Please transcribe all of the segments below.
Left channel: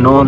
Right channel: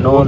9।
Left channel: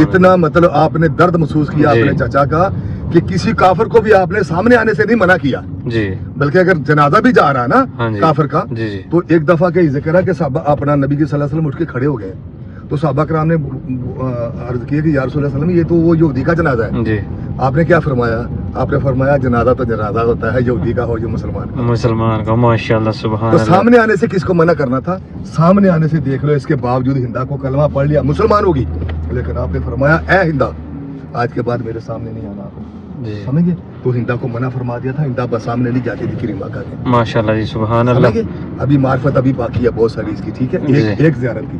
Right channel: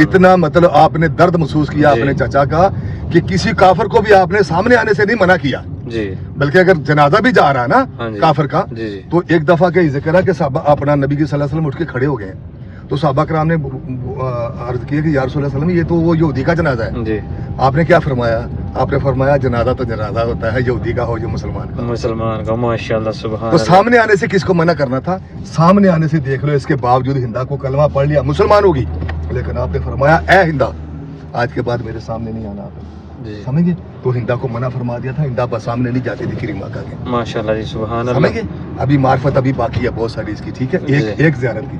اتنا مطلب آپ نے درد محسوس کیا جی۔ اپنے چچا کا کہ کسی کافر کو بھی آپ نے سامنے آنے سے نہیں منع کیا، جی بلکہ اگر جنازہ بھی جا رہا ہے ہاں نا جی۔ کافر کا، جی جی تو ایک دفعہ کا یہ ذکر ہے کہ صحابہ اپنا نبی کے صلی اللہ علیہ وسلم اٹھ کے کھڑے ہو گئے، تو صحابہ کرام نے عرض کیا کہ یا رسول اللہ صلی اللہ علیہ وسلم یہ تو وہ یہودی کا جنازہ ہے۔ جی، آپ نے کیا فرمایا؟ آپ نے فرمایا جنازہ تو جنازہ ہوتا ہے، یہودی کا ہو یا مسلمان کا۔ مسلمان کا، ماشاءاللہ سبحان تو سامنے آنے سے کس کو منع کرنا تھا؟ سامنے آنے سے دیکھ لو، اس کے باوجود ہندا کو کلمہ پڑھ لیا، مسلمان ہوگی، لیکن آپ نے فرمایا اے ہندا آج کے بعد میرے سامنے نہیں آنا آپ نے، جی۔ سمجھ گئے؟ تو ہندا کو منع فرما دیا تھا، ہندا بس سامنے نہیں جاتی تھی کریم آقا کے، ماشاءاللہ جی سبحان سمجھ اللہ۔ گئے؟ ابھی معرفت ابھی باقی ہے بہت ساری اس کی، ٹھیک ہے؟ جی۔ ایک زیارت کی،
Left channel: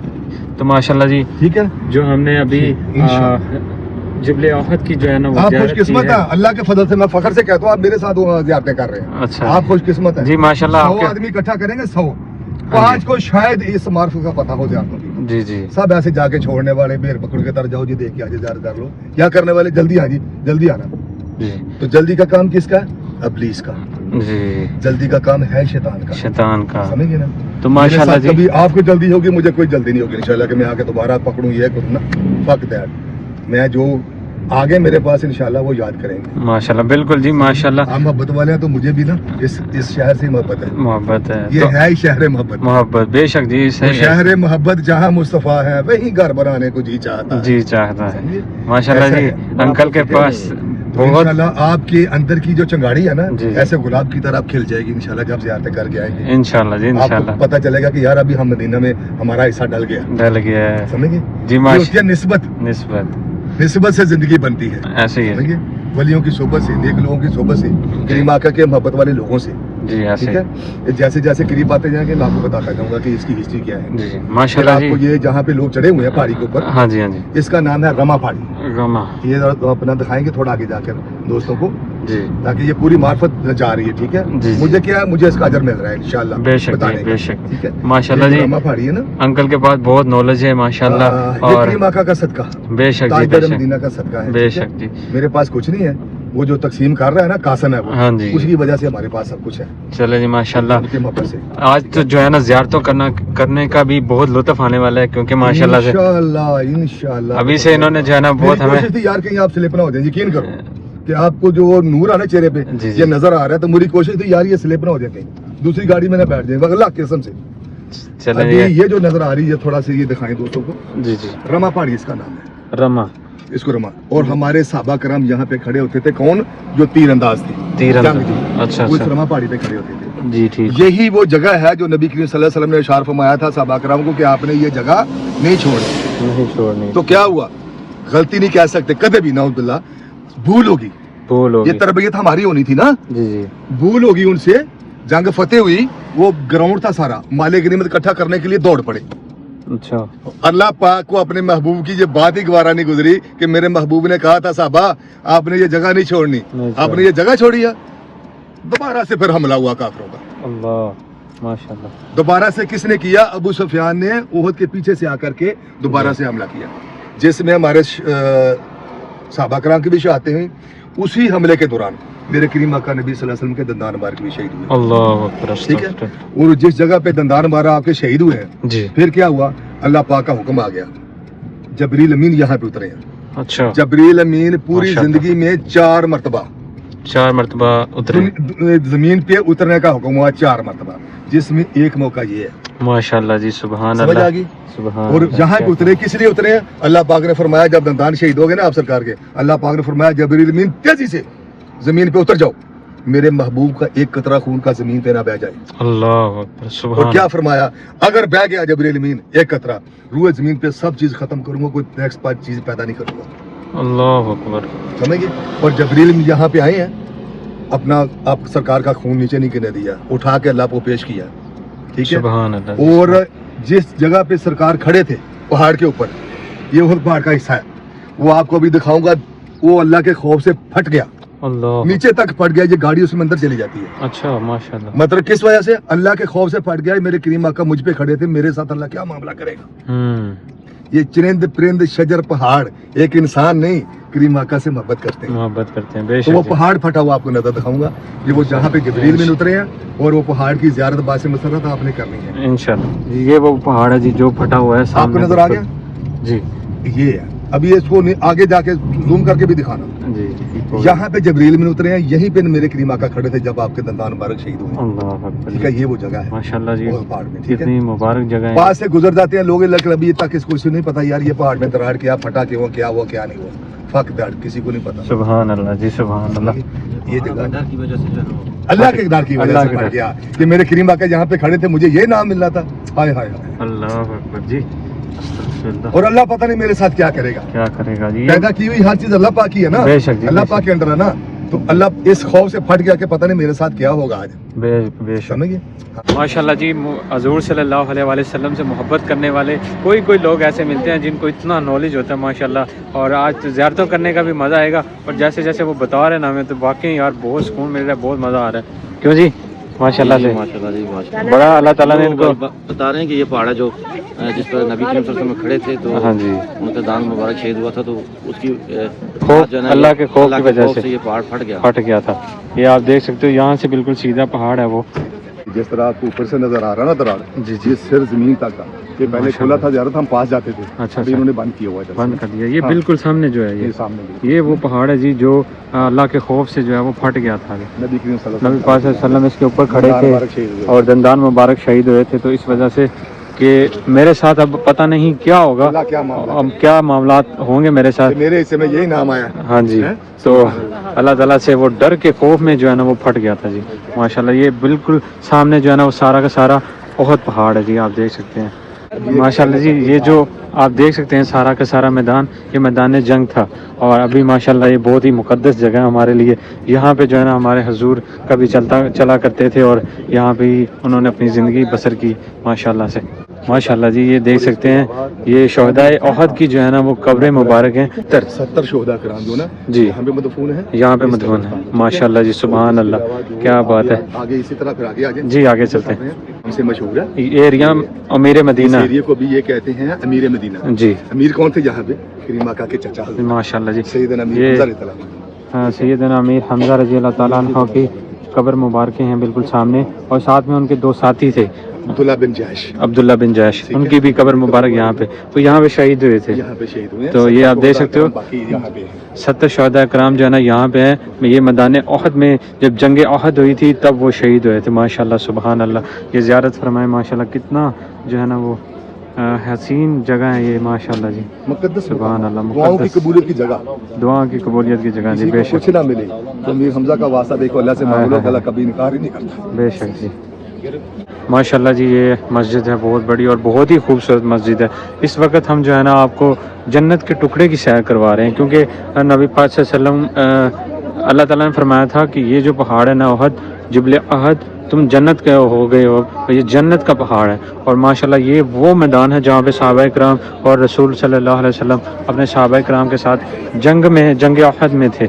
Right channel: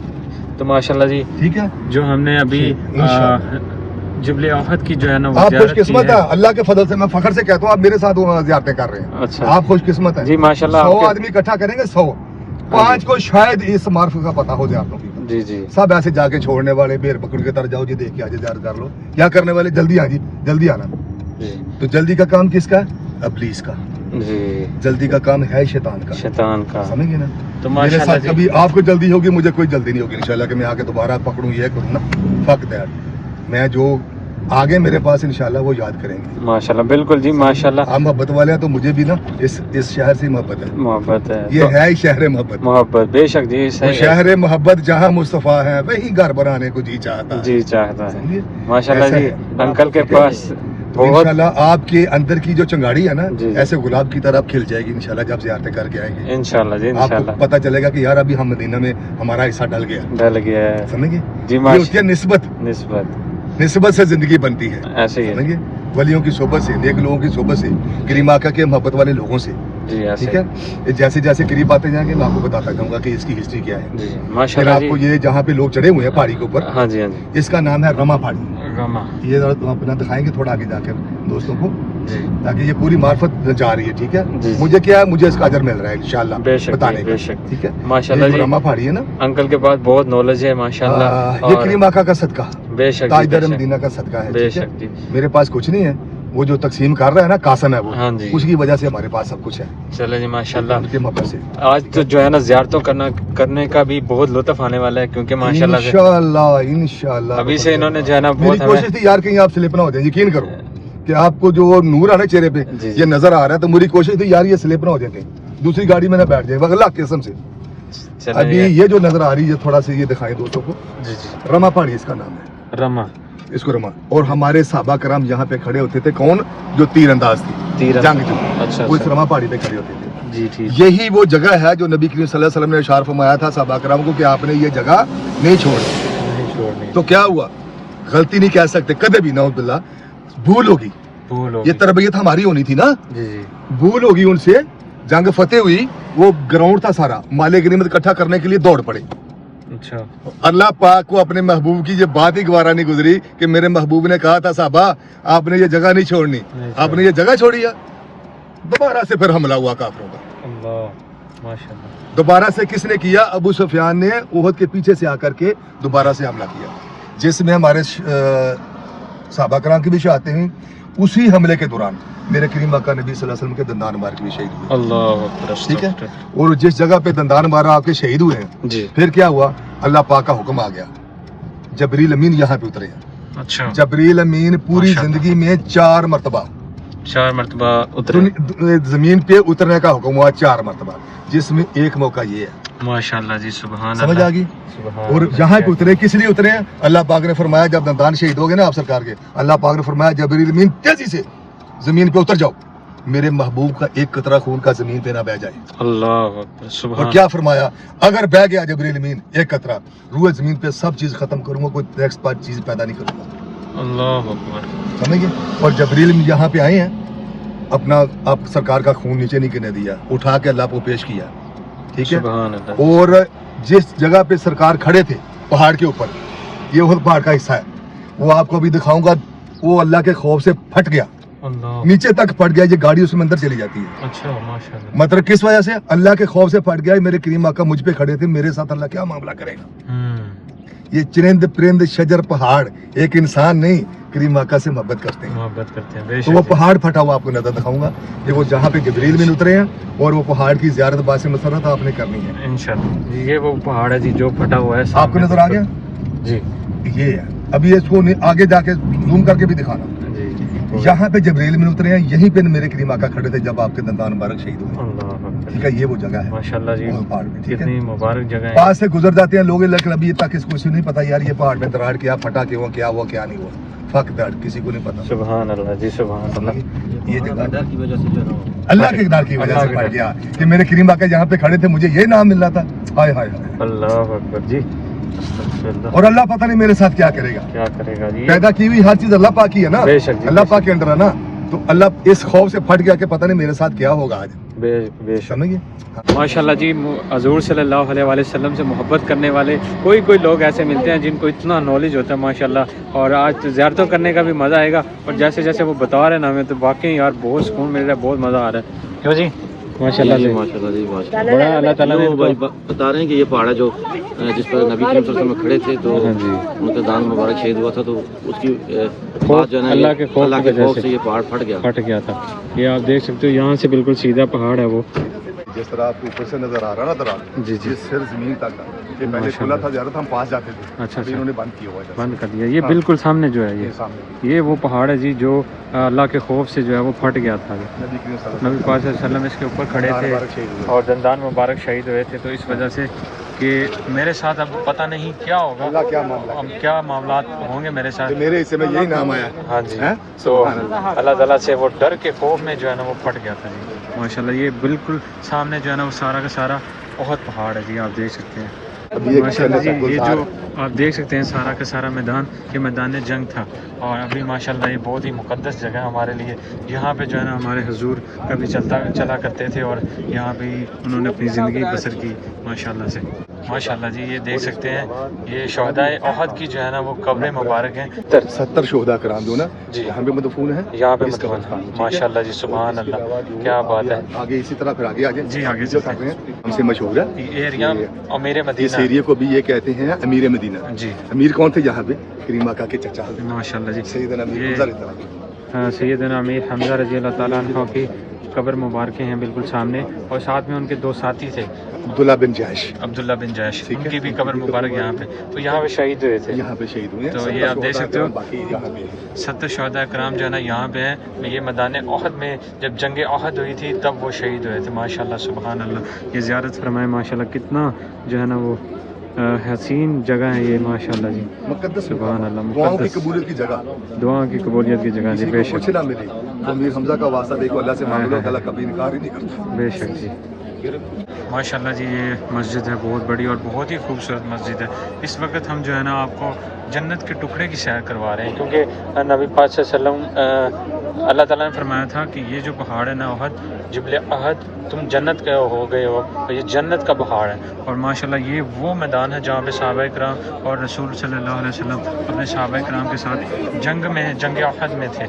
تو ماشاءاللہ جی ٹھیک ہے؟ جو ہم نے ابھی انشاءاللہ۔ جبل احد کی جو ہے نا وہ آپ زیارت خوش کی قسمت ہے۔ ہے، اللہ کے فضل سے میں فخر سے کہتا ہوں آپ میرے ساتھ وہ زیارتیں کر رہے ہیں، اچھا آپ خوش قسمت ہیں۔ جی ماشاءاللہ 100 آپ کے- آدمی اکٹھا کریں گے، 100 5 کو شاید اس معرفت کا پتہ ہو زیارتوں کی، جی جی سب ایسے جا کے چھوڑنے والے بیر پکڑ کے تر جاؤ جی دیکھ کے آجے زیارت کر لو، کیا کرنے والے جلدی آ جی جلدی آنا، جی تو جلدی کا کام کس کا ہے؟ ابلیس کا، جی، جلدی کا کام ہے شیطان کا، شیطان کا۔ سمجھ گئے نا؟ تو میرے ماشاءاللہ ساتھ جی کبھی آپ کو جلدی ہوگی، مجھے کوئی جلدی نہیں ہوگی انشاءاللہ کہ میں آ کے دوبارہ پکڑوں یہ کروں نا، فک دیٹ، میں جو آگے میرے پاس انشاءاللہ وہ یاد کریں گے۔ ماشاءاللہ بالکل جی ماشاءاللہ آپ محبت والے ہیں تو مجھے بھی نا اس شہر سے محبت ہے، محبت ہے، یہ ہے ہی شہر محبت، محبت بے شک جی وہ صحیح ہے۔ شہر محبت جہاں مصطفیٰ ہے وہیں گھر بنانے کو جی چاہتا ہے، جی چاہتا ہے سمجھے؟ ماشاءاللہ ایسا جی ہے۔ انکل کے پاس تو بہت انشاءاللہ آپ کے اندر کی جو چنگاڑی ہے نا جی۔ ایسے گلاب کی طرح کھل جائے گی انشاءاللہ جب زیارتیں کر کے آئیں گے، انشاءاللہ جی آپ کو انشاءاللہ پتہ چلے گا کہ یار ابھی ہم مدینہ میں ہمارا حصہ ڈل گیا، ڈل گیا ہے سمجھ گئے؟ جی یہ ہوتی ہے نسبت، نسبت سے زندگی بنتی ہے، ایسے ہی ہے سمجھ گئے؟ ولیوں کی صحبت سے، نیک لوگوں کی صحبت سے، کریم آقا کے محبت والے لوگوں سے، جی ایسے ٹھیک ہے؟ یہ جیسے جیسے قریب آتے جائیں گے میں آپ کو بتاتا جاؤں گا کہ اس کی ہسٹری کیا ہے، پھر ماشاءاللہ آپ کو یہ جہاں پہ لوگ چڑھے ہوئے ہیں پہاڑی کے اوپر، ہاں جی ہاں جی اس کا نام ہے رما پہاڑی، رما یہ ذرا اپنا دکھائیں گے تھوڑا آگے جا کر دوستوں کو، جی تاکہ یہ پوری معرفت جا رہی ہے، ٹھیک ہے؟ جی۔ مجھے کیا ہے، مجھے اس کا اجر مل رہا ہے انشاءاللہ بے شک بتانے کا، بے شک ٹھیک ہے؟ ماشاءاللہ یہ جو جی رما پہاڑی ہے نا، انکل کے پاس بہت نالج ہے ماشاءاللہ یہ کریم آقا کا صدقہ، بے شک جی، تاجدار بے شک، مدینہ کا صدقہ ہے، بے ٹھیک ہے؟ شک جی میرے پاس کچھ نہیں ہے، وہ جو تقسیم کر رہا ہے نا قاسم ہے وہ، ہاں جی اس کی وجہ سے ہمارے پاس سب کچھ ہے، چلے جی ماشاءاللہ ان کی محبت سے آج تو جو ہے نا زیارتوں کرنے کا بھی بہت لطف آنے والا ہے کیونکہ ماشاءاللہ سے انشاءاللہ ابھی سے انہوں نے جو ہے نا میری بہت کوشش تھی یار کہیں آپ سلپ نہ ہو جائیں، یقین کرو کہ آپ کو جو نور آنا چہرے پہ جی۔ یہ نظر آ رہا ہے، تو میری کوشش تھی یار یہ سلپ نہ ہو جائے کہیں دوسری گاڑی میں نہ بیٹھ جائے، اللہ کی قسم سے۔ چلے ابھی جی یہ جو نظر آ رہی ہے تھوڑا سا یہ دکھائیں دوستوں کو، جی جی رما پہاڑی اس کا نام ہے، رما اس کو رما، اور ہمارے صحابہ کرام یہاں پہ کھڑے ہوتے تھے، کون؟ جو تیر انداز تھی، جنگ جو، اچھا وہ اس رما پہاڑی پہ کھڑے ہوتے تھے۔ جی ٹھیک یہی وہ جگہ ہے جو نبی کریم صلی اللہ علیہ وسلم نے اشار فرمایا تھا صحابہ کرام کو کہ آپ نے یہ جگہ نہیں چھوڑی، نہیں چھوڑنی تو کیا ہوا؟ غلطی نہیں کہہ سکتے کدے بھی، نعوذ باللہ، بھول ہوگی، بولو یہ تربیت ہماری ہونی تھی نا، جی جی بھول ہوگی ان سے، جنگ فتح ہوئی، وہ گراؤنڈ تھا سارا، مال غنیمت اکٹھا کرنے کے لیے دوڑ پڑے، اچھا اللہ پاک کو اپنے محبوب کی یہ بات ہی گوارا نہیں گزری کہ میرے محبوب نے کہا تھا صحابہ آپ نے یہ جگہ نہیں چھوڑنی، آپ نے یہ جگہ چھوڑی ہے، دوبارہ سے پھر حملہ ہوا کافروں کا، اللہ ماشاءاللہ دوبارہ سے کس نے کیا؟ ابو سفیان نے احد کے پیچھے سے آ کر کے دوبارہ سے حملہ کیا، جس میں ہمارے صحابہ کرام کی بھی شہادتیں ہیں، اسی حملے کے دوران میرے کریم آقا نبی صلی اللہ علیہ وسلم کے دندان مار کے بھی شہید ہوئے، اللہ ٹھیک ہے؟ اور جس جگہ پہ دندان مارا آپ کے شہید ہوئے ہیں، جی پھر کیا ہوا؟ اللہ پاک کا حکم آ گیا، جبریل امین یہاں پہ اترے ہیں، اچھا جبریل امین پوری ماشاءاللہ۔ زندگی میں 4 مرتبہ 4 مرتبہ اترے زمین پہ اترنے کا حکم ہوا، 4 مرتبہ، جس میں ایک موقع یہ ہے، ماشاءاللہ جی سبحان سمجھ اللہ آ گئی؟ سبحان اور اللہ، یہاں پہ اترے کس لیے اترے ہیں؟ اللہ پاک نے فرمایا جب دندان شہید ہو گئے نا آپ سرکار کے، اللہ پاک نے فرمایا جبریل امین تیزی سے زمین پہ اتر جاؤ، میرے محبوب کا ایک قطرہ خون کا زمین پہ نہ بہ جائے، اللہ اکبر سبحان اور کیا فرمایا؟ اگر بہ گیا جبریل امین ایک قطرہ، روح زمین پہ سب چیز ختم کروں گا، کوئی نیکسٹ پارٹ چیز پیدا نہیں کروں گا، اللہ اکبر سمجھ گئے؟ اور جبریل امین یہاں پہ آئے ہیں، اپنا آپ سرکار کا خون نیچے نہیں گرنے دیا، اٹھا کے اللہ کو پیش کیا، ٹھیک ہے؟ سبحان اللہ اور جس جگہ پہ سرکار کھڑے تھے پہاڑ کے اوپر، یہ وہ پہاڑ کا حصہ ہے، وہ آپ کو ابھی دکھاؤں گا، وہ اللہ کے خوف سے پھٹ گیا، اللہ نیچے تک پھٹ گیا، یہ گاڑی اس میں اندر چلی جاتی ہے، اچھا ماشاءاللہ مطلب کس وجہ سے؟ اللہ کے خوف سے پھٹ گیا، میرے کریم آقا مجھ پہ کھڑے تھے، میرے ساتھ اللہ کیا معاملہ کرے گا؟ یہ چرند پرند شجر پہاڑ ایک انسان نہیں، کریم آقا سے محبت کرتے ہیں، محبت کرتے ہیں بے تو وہ شک پہاڑ پھٹا ہوا آپ کو نظر دکھاؤں گا، یہ وہ جہاں پہ جبریل میں اترے ہیں، اور وہ پہاڑ کی زیارت باعث مسرت آپ نے کرنی ہے، انشاءاللہ یہ وہ پہاڑ ہے جی جو پھٹا ہوا ہے آپ کو نظر آ گیا؟ جی یہ ہے. ابھی اس کو آگے جا کے زوم کر کے بھی دکھانا. جی یہاں پہ جبریل میں اترے ہیں, یہیں پہ میرے کریم آقا کھڑے تھے جب آپ کے دندان مبارک شہید ہوئے. اللہ اکبر. ٹھیک ہے, یہ وہ جگہ ہے ماشاءاللہ جی, وہ پہاڑ میں. ٹھیک ہے, کتنی مبارک جگہ ہے. پاس سے گزر جاتے ہیں لوگ, لیکن ابھی تک اس کو کسی نہیں پتا یار یہ پہاڑ میں دراڑ کیا, پھٹا کیوں, کیا ہوا کیا نہیں ہوا, فق دیٹ کسی کو نہیں پتا. سبحان اللہ جی, سبحان اللہ. یہ جگہ ڈر کی وجہ سے جو ہے نا اللہ کے اقدار کی وجہ اللہ سے کے پڑ ڈر. گیا کہ میرے کریم آقا جہاں پہ کھڑے تھے مجھے یہ نام مل رہا تھا. ہائے ہائے ہائے. اللہ اکبر جی, استغفر اللہ. اور اللہ پتہ نہیں میرے ساتھ کیا کرے گا. کیا کرے گا جی, پیدا کی ہوئی ہر چیز اللہ پاک کی ہے نا, بے شک جی, اللہ پاک کے انڈر ہے نا. تو اللہ اس خوف سے پھٹ گیا کہ پتہ نہیں میرے ساتھ کیا ہوگا آج. بے شک. سمجھ گئے. ماشاءاللہ جی, حضور صلی اللہ علیہ وآلہ وسلم سے محبت کرنے والے کوئی لوگ ایسے ملتے ہیں جن کو اتنا نالج ہوتا ہے ماشاءاللہ. اور آج تو زیارتوں کرنے کا بھی مزہ آئے گا, اور جیسے جیسے وہ بتا رہے ہیں نا ہمیں, تو واقعی یار بہت سکون مل رہا ہے, بہت مزہ آ رہا ہے. کیوں جی, ماشاءاللہ سے ماشاءاللہ جی, ماشاءاللہ. بڑا اللہ تعالیٰ نے ان کو, بتا رہے ہیں کہ یہ پہاڑ ہے جو جس پر نبی کریم صلی اللہ علیہ وسلم کھڑے تھے, تو ہاں جی, ان کا دان مبارک شہید ہوا تھا, تو اس کی خوف, جو ہے نا اللہ کے خوف کی وجہ سے یہ پہاڑ پھٹ گیا. پھٹ گیا تھا. یہ آپ دیکھ سکتے ہو, یہاں سے بالکل سیدھا پہاڑ ہے وہ. جس طرح آپ کو اوپر سے نظر آ رہا نا درا, جی جی, سر زمین تک یہ پہلے کھلا تھا زیارت, ہم پاس جاتے تھے. اچھا ابھی اچھا, انہوں نے بند کیا ہوا ہے, بند کر دیا. یہ بالکل سامنے جو ہے, یہ سامنے یہ وہ پہاڑ ہے جی جو اللہ کے خوف سے جو ہے وہ پھٹ گیا تھا. نبی کریم صلی اللہ نبی پاک صلی اللہ علیہ وسلم اس کے اوپر کھڑے تھے اور دندان مبارک شہید ہوئے تھے. تو اس وجہ سے کہ میرے ساتھ اب پتہ نہیں کیا ہوگا, اب کیا معاملات ہوں گے میرے ساتھ. میرے حصے میں یہی نام آیا. ہاں جی, تو اللہ تعالیٰ سے وہ ڈر کے خوف میں جو ہے نا وہ پھٹ گیا تھا جی. ماشاءاللہ یہ بالکل سامنے جو ہے نا وہ سارا کا سارا احد پہاڑ ہے جی, آپ دیکھ سکتے ہیں. ماشاءاللہ جی, یہ جو آپ دیکھ سکتے ہیں سارا کا سارا میدان, یہ میدان جنگ تھا. اور ابھی ماشاءاللہ یہ بہت ہی مقدس جگہ ہے ہمارے لیے. یہاں پہ جو ہے نا ہمارے حضور کبھی چلا کرتے تھے, اور یہاں پہ ہی انہوں نے اپنی زندگی بسر کی ماشاءاللہ سے. ماشاءاللہ جی, یہ دیکھ سکتے ہیں یہ شہدائے احد کی جو ہے نا وہ قبریں مبارک ہیں. 70 شہداء کرام جو نا جی یہاں پہ مدفون ہے, یہاں پہ مدفون. ماشاءاللہ جی, سبحان اللہ, کیا بات ہے. آگے اسی طرح پھر آگے آ جائیں جی, آگے چلتے ہیں. ہم سے مشہور ہے یہ ایریا امیر اس مدینہ. ایریے کو بھی یہ کہتے ہیں امیر مدینہ. جی, امیر کون تھے یہاں پہ؟ کریم آقا کے چچا ماشاءاللہ جی, سیدنا امیر یہ حمزہ رضی اللہ عنہ. سیدنا امیر حمزہ رضی اللہ تعالیٰ عنہ کی قبر مبارکیں ہیں بالکل سامنے, اور ساتھ میں ان کے دو ساتھی تھے, عبداللہ بن جاش. عبداللہ بن جیش, ان کی بھی قبر مبارک یہاں پہ. تو یہاں پہ شہید ہوئے تھے. یہاں پہ شہید ہوئے ہیں. تو یہ آپ دیکھ سکتے ہو, باقی یہاں پہ 70 شہداء کرام جو ہے نا یہاں پہ ہیں. یہ میدان احد میں جب جنگ احد ہوئی تھی تب وہ شہید ہوئے تھے. ماشاءاللہ سبحان اللہ, یہ زیارت فرمائے ماشاءاللہ. کتنا جو ہے نا وہ حسین جگہ ہے یہ ماشاءاللہ جی, مقدس سبحان اللہ, دعاؤں کی مقدس قبولیت کی جگہ, دعا کی قبولیت کی جگہ جی. بے شک, کچھ نہ ملے تو امیر حمزہ کا واسطہ دیکھو, اللہ سے مانگو, اللہ کبھی انکار ہی نہیں کرتا. بے شک جی. ماشاءاللہ جی, یہ مسجد ہے بہت بڑی اور بہت ہی خوبصورت مسجد ہے. اس وقت ہم جو ہے نا آپ کو جنت کے ٹکڑے کی سیر کروا رہے ہیں, کیونکہ نبی پاک صلی اللہ علیہ وسلم اللہ تعالیٰ نے فرمایا تھا کہ یہ جو پہاڑ ہے نا احد, جبل احد, تم جنت کے ہو گئے ہو, تو یہ جنت کا پہاڑ ہے. اور ماشاءاللہ یہ وہ میدان ہے جہاں پہ صحابہ کرام اور رسول صلی اللہ علیہ وسلم اپنے صحابہ کرام کے ساتھ جنگ احد میں تھے.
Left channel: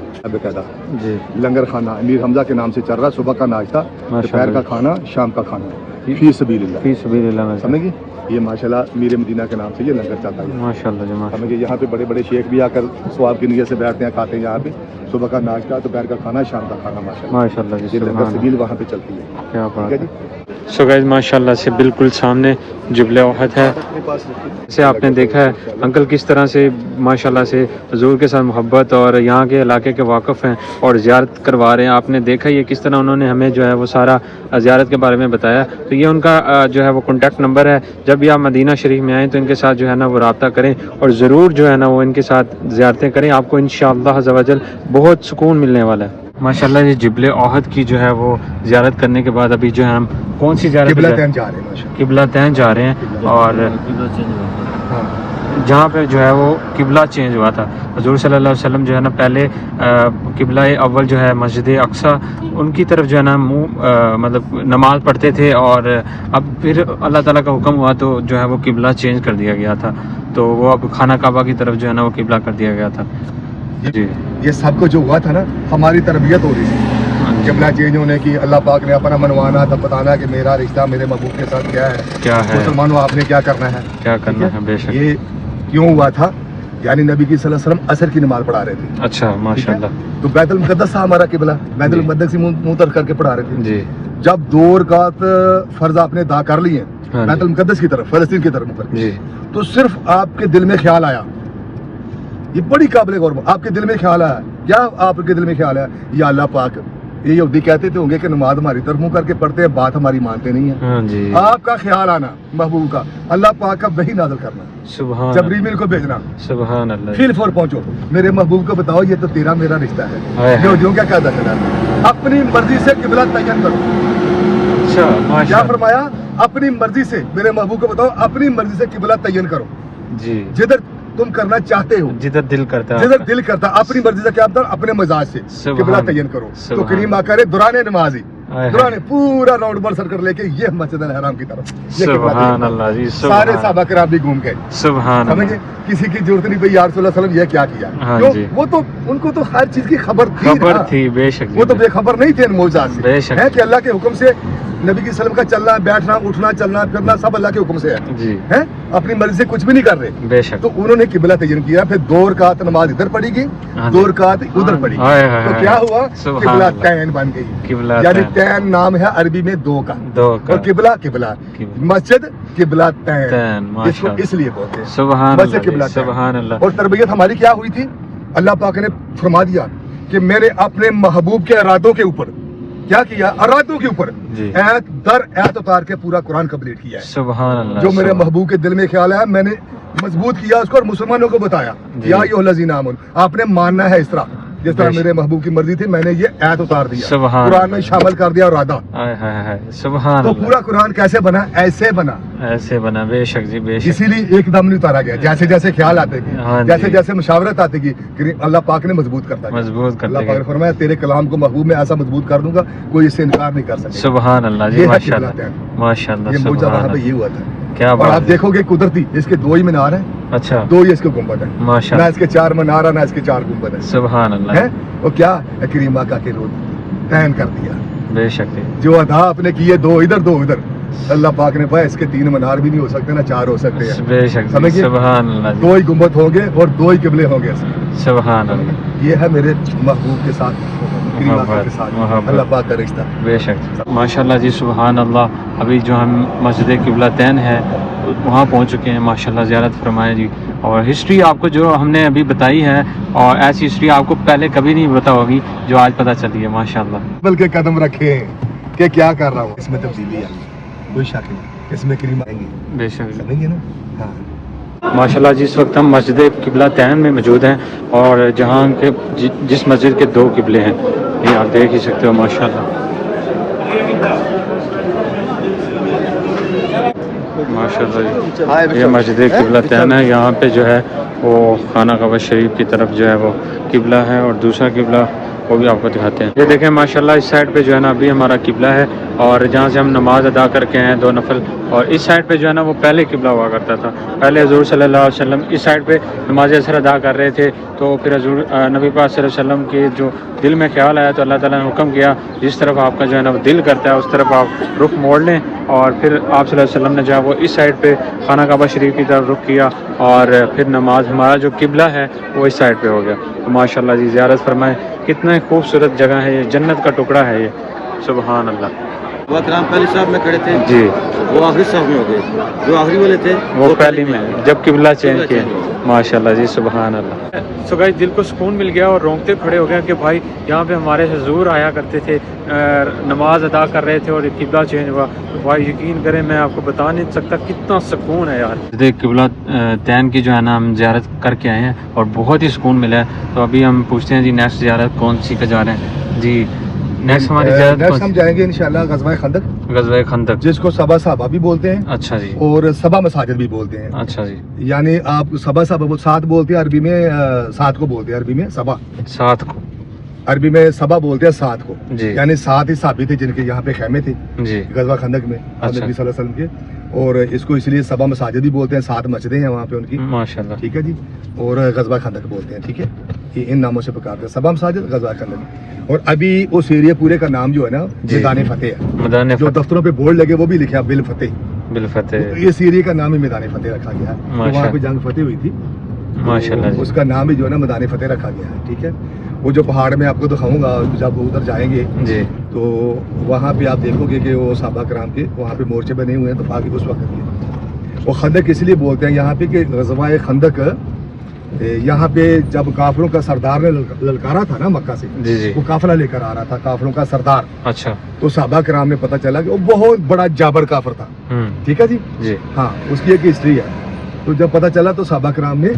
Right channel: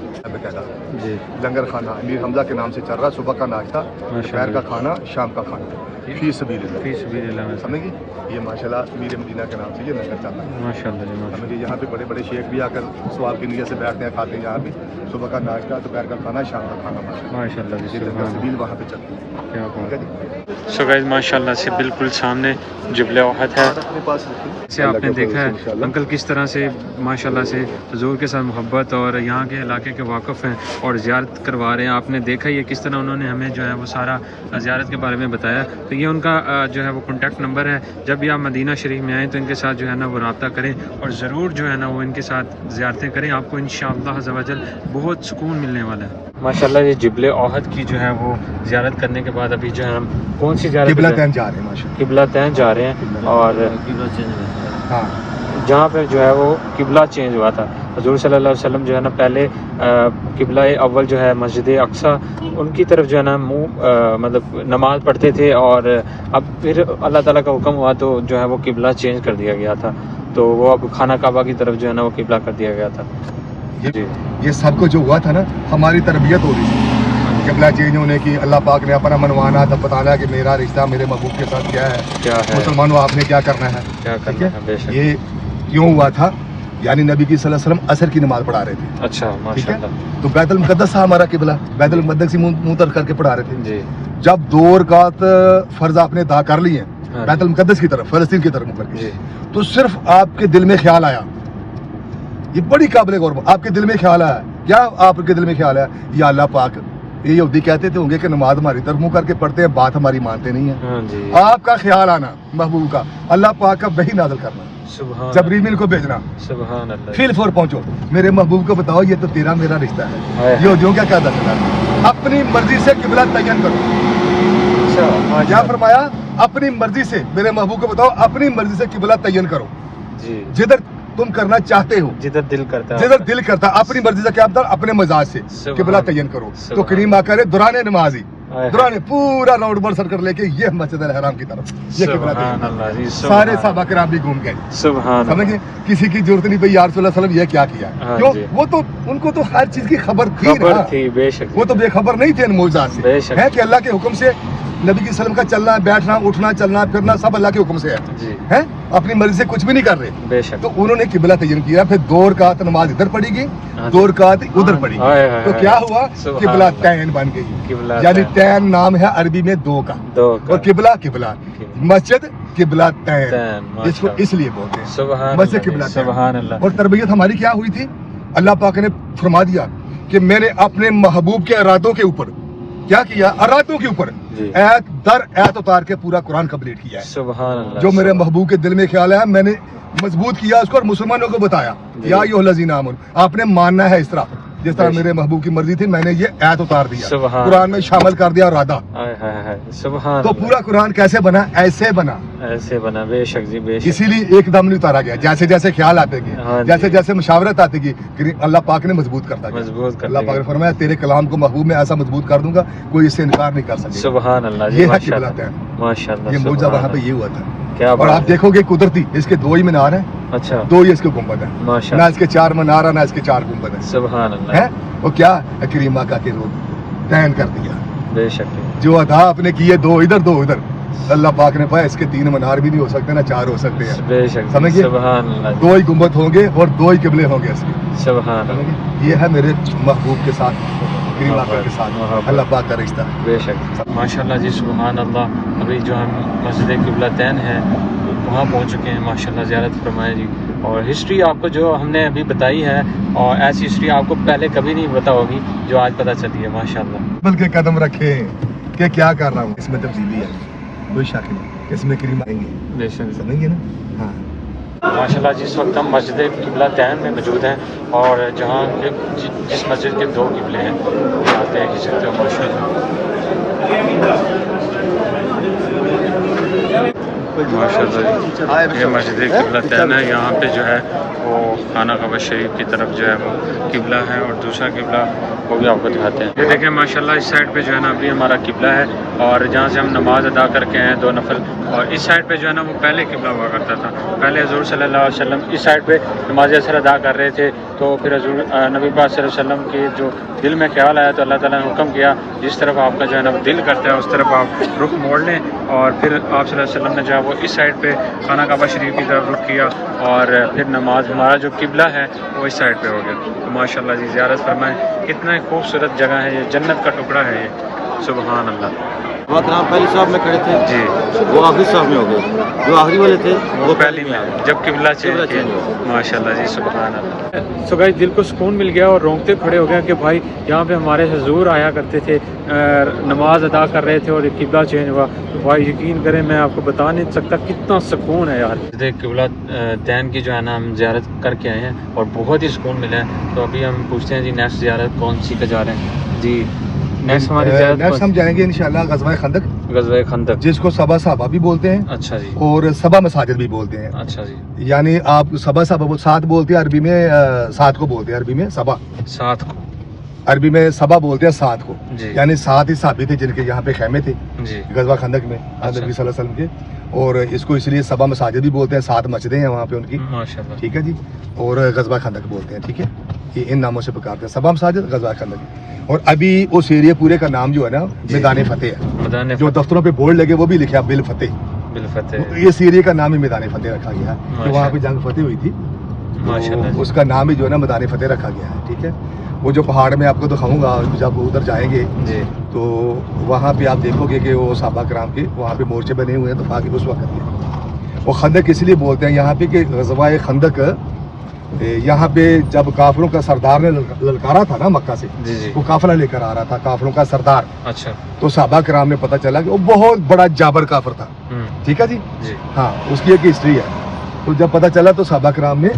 جی, لنگر خانہ امیر حمزہ کے نام سے چل رہا, صبح کا ناشتہ, دوپہر کا کھانا, شام کا کھانا, فی سبیل اللہ. فی سبیل اللہ میں سمجھ گئی, یہ ماشاءاللہ امیر مدینہ کے نام سے یہ لنگر چل رہا ہے. ماشاءاللہ جی, ماشاءاللہ. یہاں پہ بڑے بڑے شیخ بھی آ کر ثواب کی نیت سے بیٹھتے ہیں, کھاتے ہیں یہاں پہ. صبح کا ناشتہ, دوپہر کا کھانا, شام کا کھانا, ماشاءاللہ جی, یہ لنگر سبحان سبیل وہاں پہ چلتی ہے. کیا بات ہے. سو گائز ماشاءاللہ سے بالکل سامنے جبل احد ہے. اپنے پاس جیسے آپ نے دیکھا ہے انکل کس طرح سے ماشاءاللہ سے حضور کے ساتھ محبت اور یہاں کے علاقے کے واقف ہیں اور زیارت کروا رہے ہیں. آپ نے دیکھا یہ کس طرح انہوں نے ہمیں جو ہے وہ سارا زیارت کے بارے میں بتایا. تو یہ ان کا جو ہے وہ کانٹیکٹ نمبر ہے. جب بھی آپ مدینہ شریف میں آئیں تو ان کے ساتھ جو ہے نا وہ رابطہ کریں, اور ضرور جو ہے نا وہ ان کے ساتھ زیارتیں کریں. آپ کو انشاءاللہ عز و جل بہت سکون ملنے والا ہے. ماشاءاللہ یہ جبل احد کی جو ہے وہ زیارت کرنے کے بعد ابھی جو ہے ہم کون سی زیارت قبلہ تین جا رہے ہیں ماشاءاللہ. قبلہ تین جا رہے ہیں, اور ہاں جہاں پہ جو ہے وہ قبلہ چینج ہوا تھا. حضور صلی اللہ علیہ وسلم جو ہے نا پہلے قبلہ اول جو ہے مسجد اقصیٰ ان کی طرف جو ہے نا مطلب نماز پڑھتے تھے, اور اب پھر اللہ تعالیٰ کا حکم ہوا تو جو ہے وہ قبلہ چینج کر دیا گیا تھا. تو وہ اب خانہ کعبہ کی طرف جو ہے نا وہ قبلہ کر دیا گیا تھا. جی, یہ سب کو جو ہوا تھا نا ہماری تربیت ہو رہی تھی قبلہ چینج ہونے کی. اللہ پاک نے اپنا منوانا تب بتانا کہ میرا رشتہ میرے محبوب کے ساتھ کیا ہے, مسلمانوں آپ نے کیا کرنا ہے. ٹھیک ہے, یہ کیوں ہوا تھا, یعنی نبی کی صلی اللہ علیہ وسلم عصر کی نماز پڑھا رہے تھے. اچھا, ٹھیک ہے, ماشاءاللہ. تو بیت المقدس تھا ہمارا قبلہ, بیت المقدس سے منہ تر کر کے پڑھا رہے تھے. جی, جب 2 رکعت فرض آپ نے ادا کر لی ہیں بیت المقدس کی طرف، فلسطین کی طرف مڑ کر کے، تو صرف آپ کے دل میں خیال آیا، یہ بڑی قابل غور، آپ کے دل میں خیال آیا، کیا آپ کے دل میں خیال آیا؟ یا اللہ پاک، یہ یہودی کہتے تھے ہوں گے کہ نماز ہماری طرف منہ کر کے پڑھتے ہیں، بات ہماری مانتے نہیں ہیں، آپ کا خیال آنا محبوب کا، اللہ پاک کا وحی نازل کرنا، جبریل کو بھیجنا، فیل فور پہنچو، میرے محبوب کو بتاؤ یہ تو تیرا میرا رشتہ ہے، یہودیوں کیا کہتا چلا، اپنی مرضی سے قبلہ تعین کرو، کیا فرمایا؟ اپنی مرضی سے، میرے محبوب کو بتاؤ اپنی مرضی سے قبلہ تعین کرو، جدھر تم کرنا چاہتے ہو، جدھر دل کرتا، اپنی مرضی سے، کیا بتا، اپنے مزاج سے قبلہ تعین کرو۔ تو کریم آقا نے دوران نماز ہی پورا راؤنڈ بال سرکل لے کے یہ مسجد الحرام کی طرف یہ قبلہ تعین، سارے صحابہ کرام بھی گھوم گئے، سمجھے، کسی کی ضرورت نہیں پئی یا رسول اللہ صلی اللہ علیہ وسلم یہ کیا کیا، کیوں؟ وہ تو ان کو تو ہر چیز کی خبر تھی نا، وہ تو بے خبر نہیں تھے ان معجزات سے، ہے کہ اللہ کے حکم سے نبی کی وسلم کا چلنا بیٹھنا اٹھنا چلنا پھرنا سب اللہ کے حکم سے ہے، اپنی مرضی سے کچھ بھی نہیں کر رہے، تو انہوں نے قبلہ تعین کیا، پھر 2 رکعت نماز ادھر پڑھی گئی، 2 رکعت ادھر پڑھی گئی، تو کیا ہوا؟ قبلہ تعین بن گئی، یعنی تعین نام ہے عربی میں 2 کا، اور قبلہ مسجد قبلہ تعین، جس کو اس لیے بولتے ہیں مسجد قبلہ تعین۔ اور تربیت ہماری کیا ہوئی تھی؟ اللہ پاک نے فرما دیا کہ میں نے اپنے محبوب کے ارادوں کے اوپر کیا کیا؟ ارادوں کے اوپر ایت در ایت اتار کے پورا قرآن کمپلیٹ کیا ہے، جو میرے محبوب کے دل میں خیال ہے میں نے مضبوط کیا اس کو، اور مسلمانوں کو بتایا یا ایھا الذین آمنوا، آپ نے ماننا ہے اس طرح جس طرح میرے محبوب کی مرضی تھی، میں نے یہ ایت اتار دیا، قرآن میں شامل کر دیا ارادہ۔ تو پورا قرآن کیسے بنا؟ ایسے بنا، بے شک جی، اسی لیے ایک دم نہیں اتارا گیا، جیسے جیسے خیال آتے گئے، جیسے جیسے مشاورت آتے گئی، اللہ پاک نے مضبوط کرتا گیا۔ اللہ پاک نے فرمایا تیرے کلام کو محبوب میں ایسا مضبوط کر دوں گا کوئی اس سے انکار نہیں کر سکے، یہ ہے قبلہ تعین، یہ معجزہ وہاں پہ یہ ہوا تھا۔ اور آپ دیکھو گے قدرتی اس کے 2 ہی مینار ہیں، 2 ہی اس کے گنبد ہیں، نہ اس کے 4 مینار ہیں نہ اس کے 4 گنبد ہیں، وہ کیا کریم آقا کے روز تعین کر دیا، جو ادا آپ نے کیے 2 ادھر 2 ادھر، اللہ پاک نے پایا اس کے 3 مینار بھی نہیں ہو سکتے نہ 4 ہو سکتے ہیں، سمجھے، 2 ہی گنبد ہوں گے اور 2 ہی قبلے ہوں گے اس کے، یہ ہے میرے محبوب کے ساتھ کریم آقا کے ساتھ اللہ پاک کا رشتہ۔ ماشاءاللہ جی، سبحان اللہ۔ ابھی جو ہم مسجد قبلہ تعین ہے وہاں پہنچ چکے ہیں، ماشاءاللہ زیارت فرمائے جی، اور ہسٹری آپ کو جو ہم نے ابھی بتائی ہے، اور ایسی ہسٹری آپ کو پہلے کبھی نہیں پتا ہوگی جو آج پتہ چلی ہے، ماشاءاللہ۔ بلکہ قدم رکھے کہ کیا کر رہا ہوں، اس میں تبدیلی ہے، کوئی شک نہیں، اس میں کریم آئیں گے، بے شک سمجھیں گے نا۔ ماشاءاللہ جس وقت ہم مسجد قبلہ تعین میں موجود ہیں، اور جہاں کے جس مسجد کے 2 قبلے ہیں، یہ آپ دیکھ ہی سکتے ہو ماشاءاللہ، ماشاءاللہ جی، یہ مسجد قبلہ تعین ہے، یہاں پہ جو ہے وہ خانہ کعبہ شریف کی طرف جو ہے وہ قبلہ ہے، اور دوسرا قبلہ وہ بھی آپ کو دکھاتے ہیں۔ یہ دیکھیں ماشاءاللہ اس سائڈ پہ جو ہے نا ابھی ہمارا قبلہ ہے، اور جہاں سے ہم نماز ادا کر کے ہیں 2 نفل، اور اس سائڈ پہ جو ہے نا وہ پہلے قبلہ ہوا کرتا تھا، پہلے حضور صلی اللہ علیہ وسلم اس سائڈ پہ نماز اثر ادا کر رہے تھے، تو پھر حضور نبی پاک صلی اللہ علیہ وسلم کے جو دل میں خیال آیا تو اللہ تعالیٰ نے حکم کیا جس طرف آپ کا جو ہے نا دل کرتا ہے اس طرف آپ رخ موڑ لیں، اور پھر آپ صلی اللہ علیہ وسلم نے جو ہے وہ اس سائڈ پہ خانہ کعبہ شریف کی طرف رخ کیا، اور پھر نماز ہمارا جو قبلہ ہے وہ اس سائڈ پہ ہو گیا۔ تو ماشاءاللہ جی زیارت فرمائیں، کتنا خوبصورت جگہ ہے، یہ جنت کا ٹکڑا ہے یہ، سبحان اللہ۔ وہ کرام پہلی صاحب میں کھڑے تھے جی، وہ آخری صاحب میں ہو گئے، جو آخری والے تھے وہ پہلی میں آ گئے جب قبلہ چینج کیا، ماشاءاللہ جی سبحان اللہ۔ سو گائز دل کو سکون مل گیا اور رونگتے کھڑے ہو گیا کہ بھائی یہاں پہ ہمارے حضور آیا کرتے تھے، نماز ادا کر رہے تھے اور قبلہ چینج ہوا، تو بھائی یقین کریں میں آپ کو بتا نہیں سکتا کتنا سکون ہے یار۔ قبلہ تعین کی جو ہے نا ہم زیارت کر کے آئے ہیں اور بہت ہی سکون ملا ہے، تو ابھی ہم پوچھتے ہیں جی نیکسٹ زیارت کون سی کا جا رہے ہیں جی؟ نیکسٹ ہم جائیں گے انشاءاللہ غزوہ خندق، غزوہ خندق جس کو سبا صحابہ بھی بولتے ہیں، اچھا جی، اور سبا مساجد بھی بولتے ہیں، اچھا جی، یعنی آپ سبا صحابہ 7 بولتے ہیں عربی میں، 7 کو بولتے ہیں عربی میں سبا، 7 کو عربی میں سبا بولتے ہیں 7 کو جی، یعنی 7 ہی صحابی تھے جن کے یہاں پہ خیمے تھے جی، غزوہ خندق میں اچھا، نبی صلی اللہ علیہ وسلم کے، اور اس کو اس لیے سبا مساجد بھی بولتے ہیں، 7 مسجدیں ہیں وہاں پہ ان کی، ماشاءاللہ، ٹھیک ہے جی، اور غزوہ خندق بولتے ہیں، ٹھیک ہے، یہ ان ناموں سے پکارتے ہیں، سبا مساجد غزوہ خندق۔ اور ابھی اس ایریا پورے کا نام جو ہے نا میدان فتح ہے، میدان جو دفتروں پہ بورڈ لگے وہ بھی لکھا بالفتح، بالفتح، اس ایریا کا نام ہی میدان فتح رکھا گیا ہے، تو وہاں پہ جنگ فتح ہوئی تھی، تو اس کا نام ہی جو ہے نا میدان فتح رکھا گیا ہے، ٹھیک ہے۔ وہ جو پہاڑ میں آپ کو دکھاؤں گا جب ادھر جائیں گے جی، تو وہاں پہ آپ دیکھو گے کہ وہ صحابہ کرام کے وہاں پہ مورچے بنے ہوئے ہیں دفاع کے اس وقت کے. وہ خندق اس لیے بولتے ہیں یہاں پہ کہ غزوہ خندق یہاں پہ جب کافروں کا سردار نے للکارا تھا نا مکہ سے, وہ قافلہ لے کر آ رہا تھا کافروں کا سردار. اچھا. تو صحابہ کرام نے پتہ چلا کہ وہ بہت بڑا جابر کافر تھا. ٹھیک ہے جی. ہاں اس کی ایک ہسٹری ہے. تو جب پتہ چلا تو صحابہ کرام نے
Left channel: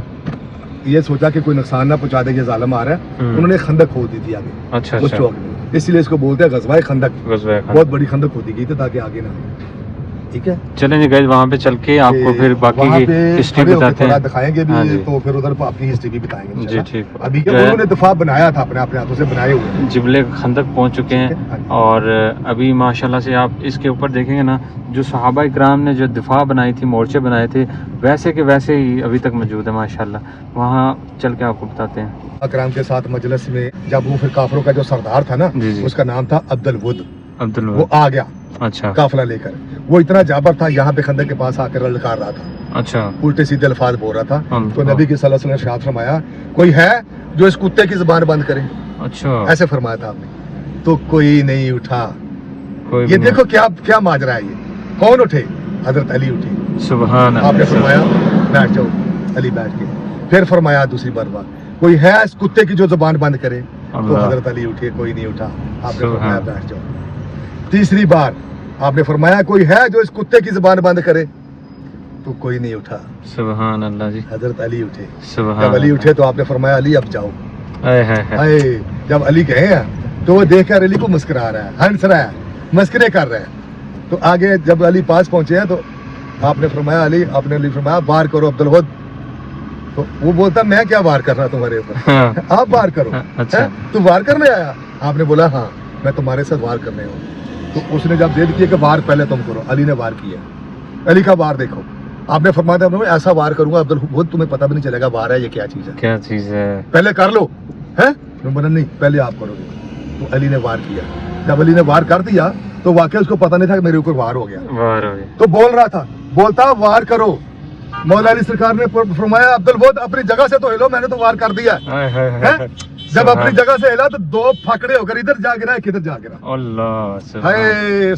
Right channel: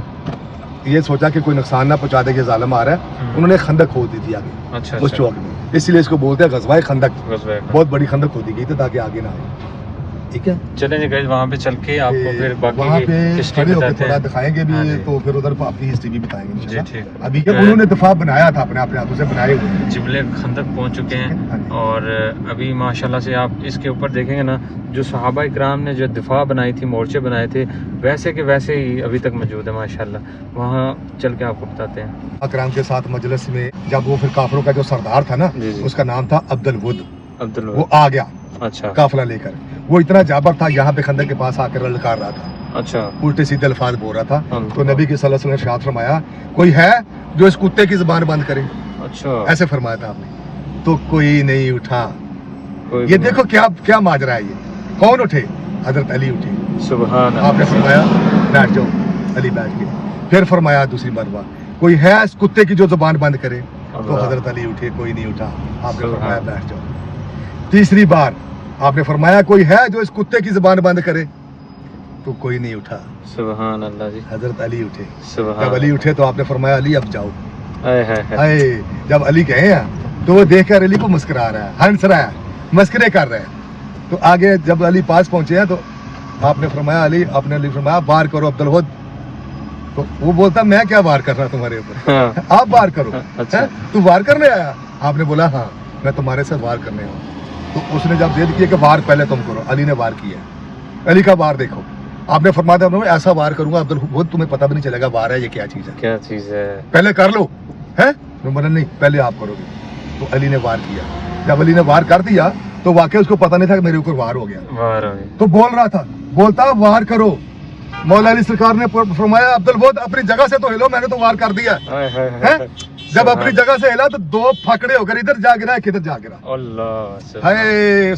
یہ سوچا کہ کوئی نقصان نہ پہنچا دے کہ ظالم آ رہا ہے, انہوں نے خندق کھود دی تھی آگے اس چوک میں, اس لیے اس کو بولتے ہیں غزوہ خندق. بہت بڑی خندق کھودی گئی تھی تاکہ آگے نہ آئے. ٹھیک ہے چلیں جی گائز وہاں پہ چل کے آپ کو پھر باقی کی ہسٹری بتاتے ہیں, دکھائیں گے بھی تو پھر ادھر اپنی ہسٹری بھی بتائیں گے. جی ٹھیک. ابھی انہوں نے دفاع بنایا تھا اپنے ہاتھوں سے بنائے ہوئے جبلے خندق پہنچ چکے ہیں, اور ابھی ماشاءاللہ سے آپ اس کے اوپر دیکھیں گے نا جو صحابہ اکرام نے جو دفاع بنائی تھی, مورچے بنائے تھے, ویسے کہ ویسے ہی ابھی تک موجود ہے ماشاءاللہ. وہاں چل کے آپ کو بتاتے ہیں. اکرام کے ساتھ مجلس میں جب وہ پھر کافروں کا جو سردار تھا نا اس کا نام تھا عبد الود, وہ آ گیا قافلہ لے کر. وہ اتنا جابر تھا یہاں پہ خندق کے پاس آ کر للکار رہا تھا, الٹے سیدھے الفاظ بول رہا تھا. تو نبی کی صلی اللہ علیہ وسلم نے ارشاد فرمایا کوئی ہے جو اس کتے کی زبان بند کرے, ایسے فرمایا تھا آپ نے. تو کوئی نہیں اٹھا. یہ دیکھو کیا ماجرا ہے, یہ کون اٹھے؟ حضرت علی اٹھے. آپ نے فرمایا بیٹھ جاؤ. علی بیٹھ کے پھر فرمایا دوسری مرتبہ کوئی ہے اس کتے کی جو زبان بند کرے؟ تو حضرت علی اٹھے, کوئی نہیں اٹھا. آپ نے فرمایا بیٹھ جاؤ. تیسری بار آپ نے فرمایا کوئی ہے جو اس کتے کی زبان بند کرے؟ تو کوئی نہیں اٹھا. سبحان اللہ جی. حضرت علی اٹھے. جب علی اٹھے تو آپ نے فرمایا علی اب جاؤ. جب علی کہے ہیں تو وہ دیکھ کر علی کو مسکرا رہا ہے, ہنس رہا ہے, مسکرے کر رہے ہیں. تو آگے جب علی پاس پہنچے ہیں تو آپ نے فرمایا علی, آپ نے علی فرمایا وار کرو عبد الود. تو وہ بولتا میں کیا وار کر رہا تمہارے اوپر, آپ وار کرو. تو وار کرنے آیا؟ آپ نے بولا ہاں میں تمہارے ساتھ وار کرنے ہوں. تو اس نے جب ضد کیا کہ وار پہلے تم کرو, علی نے وار کیا. علی کا وار دیکھو. آپ نے فرمایا میں ایسا وار کروں گا عبد الود تمہیں پتہ بھی نہیں چلے گا وار ہے یہ کیا چیز ہے, پہلے کر لو. نہیں پہلے آپ کرو گے. تو علی نے وار کیا. جب علی نے وار کر دیا تو واقعی اس کو پتہ نہیں تھا کہ میرے اوپر وار ہو گیا. تو بول رہا تھا, بولتا وار کرو. مولا علی سرکار نے فرمایا عبد الود اپنی جگہ سے تو ہلو, میں نے تو وار کر دیا ہے. جب اپنی جگہ سے ہلا تو دو پھکڑے ہو کر ادھر جا گرا, ایک ادھر جا گرا.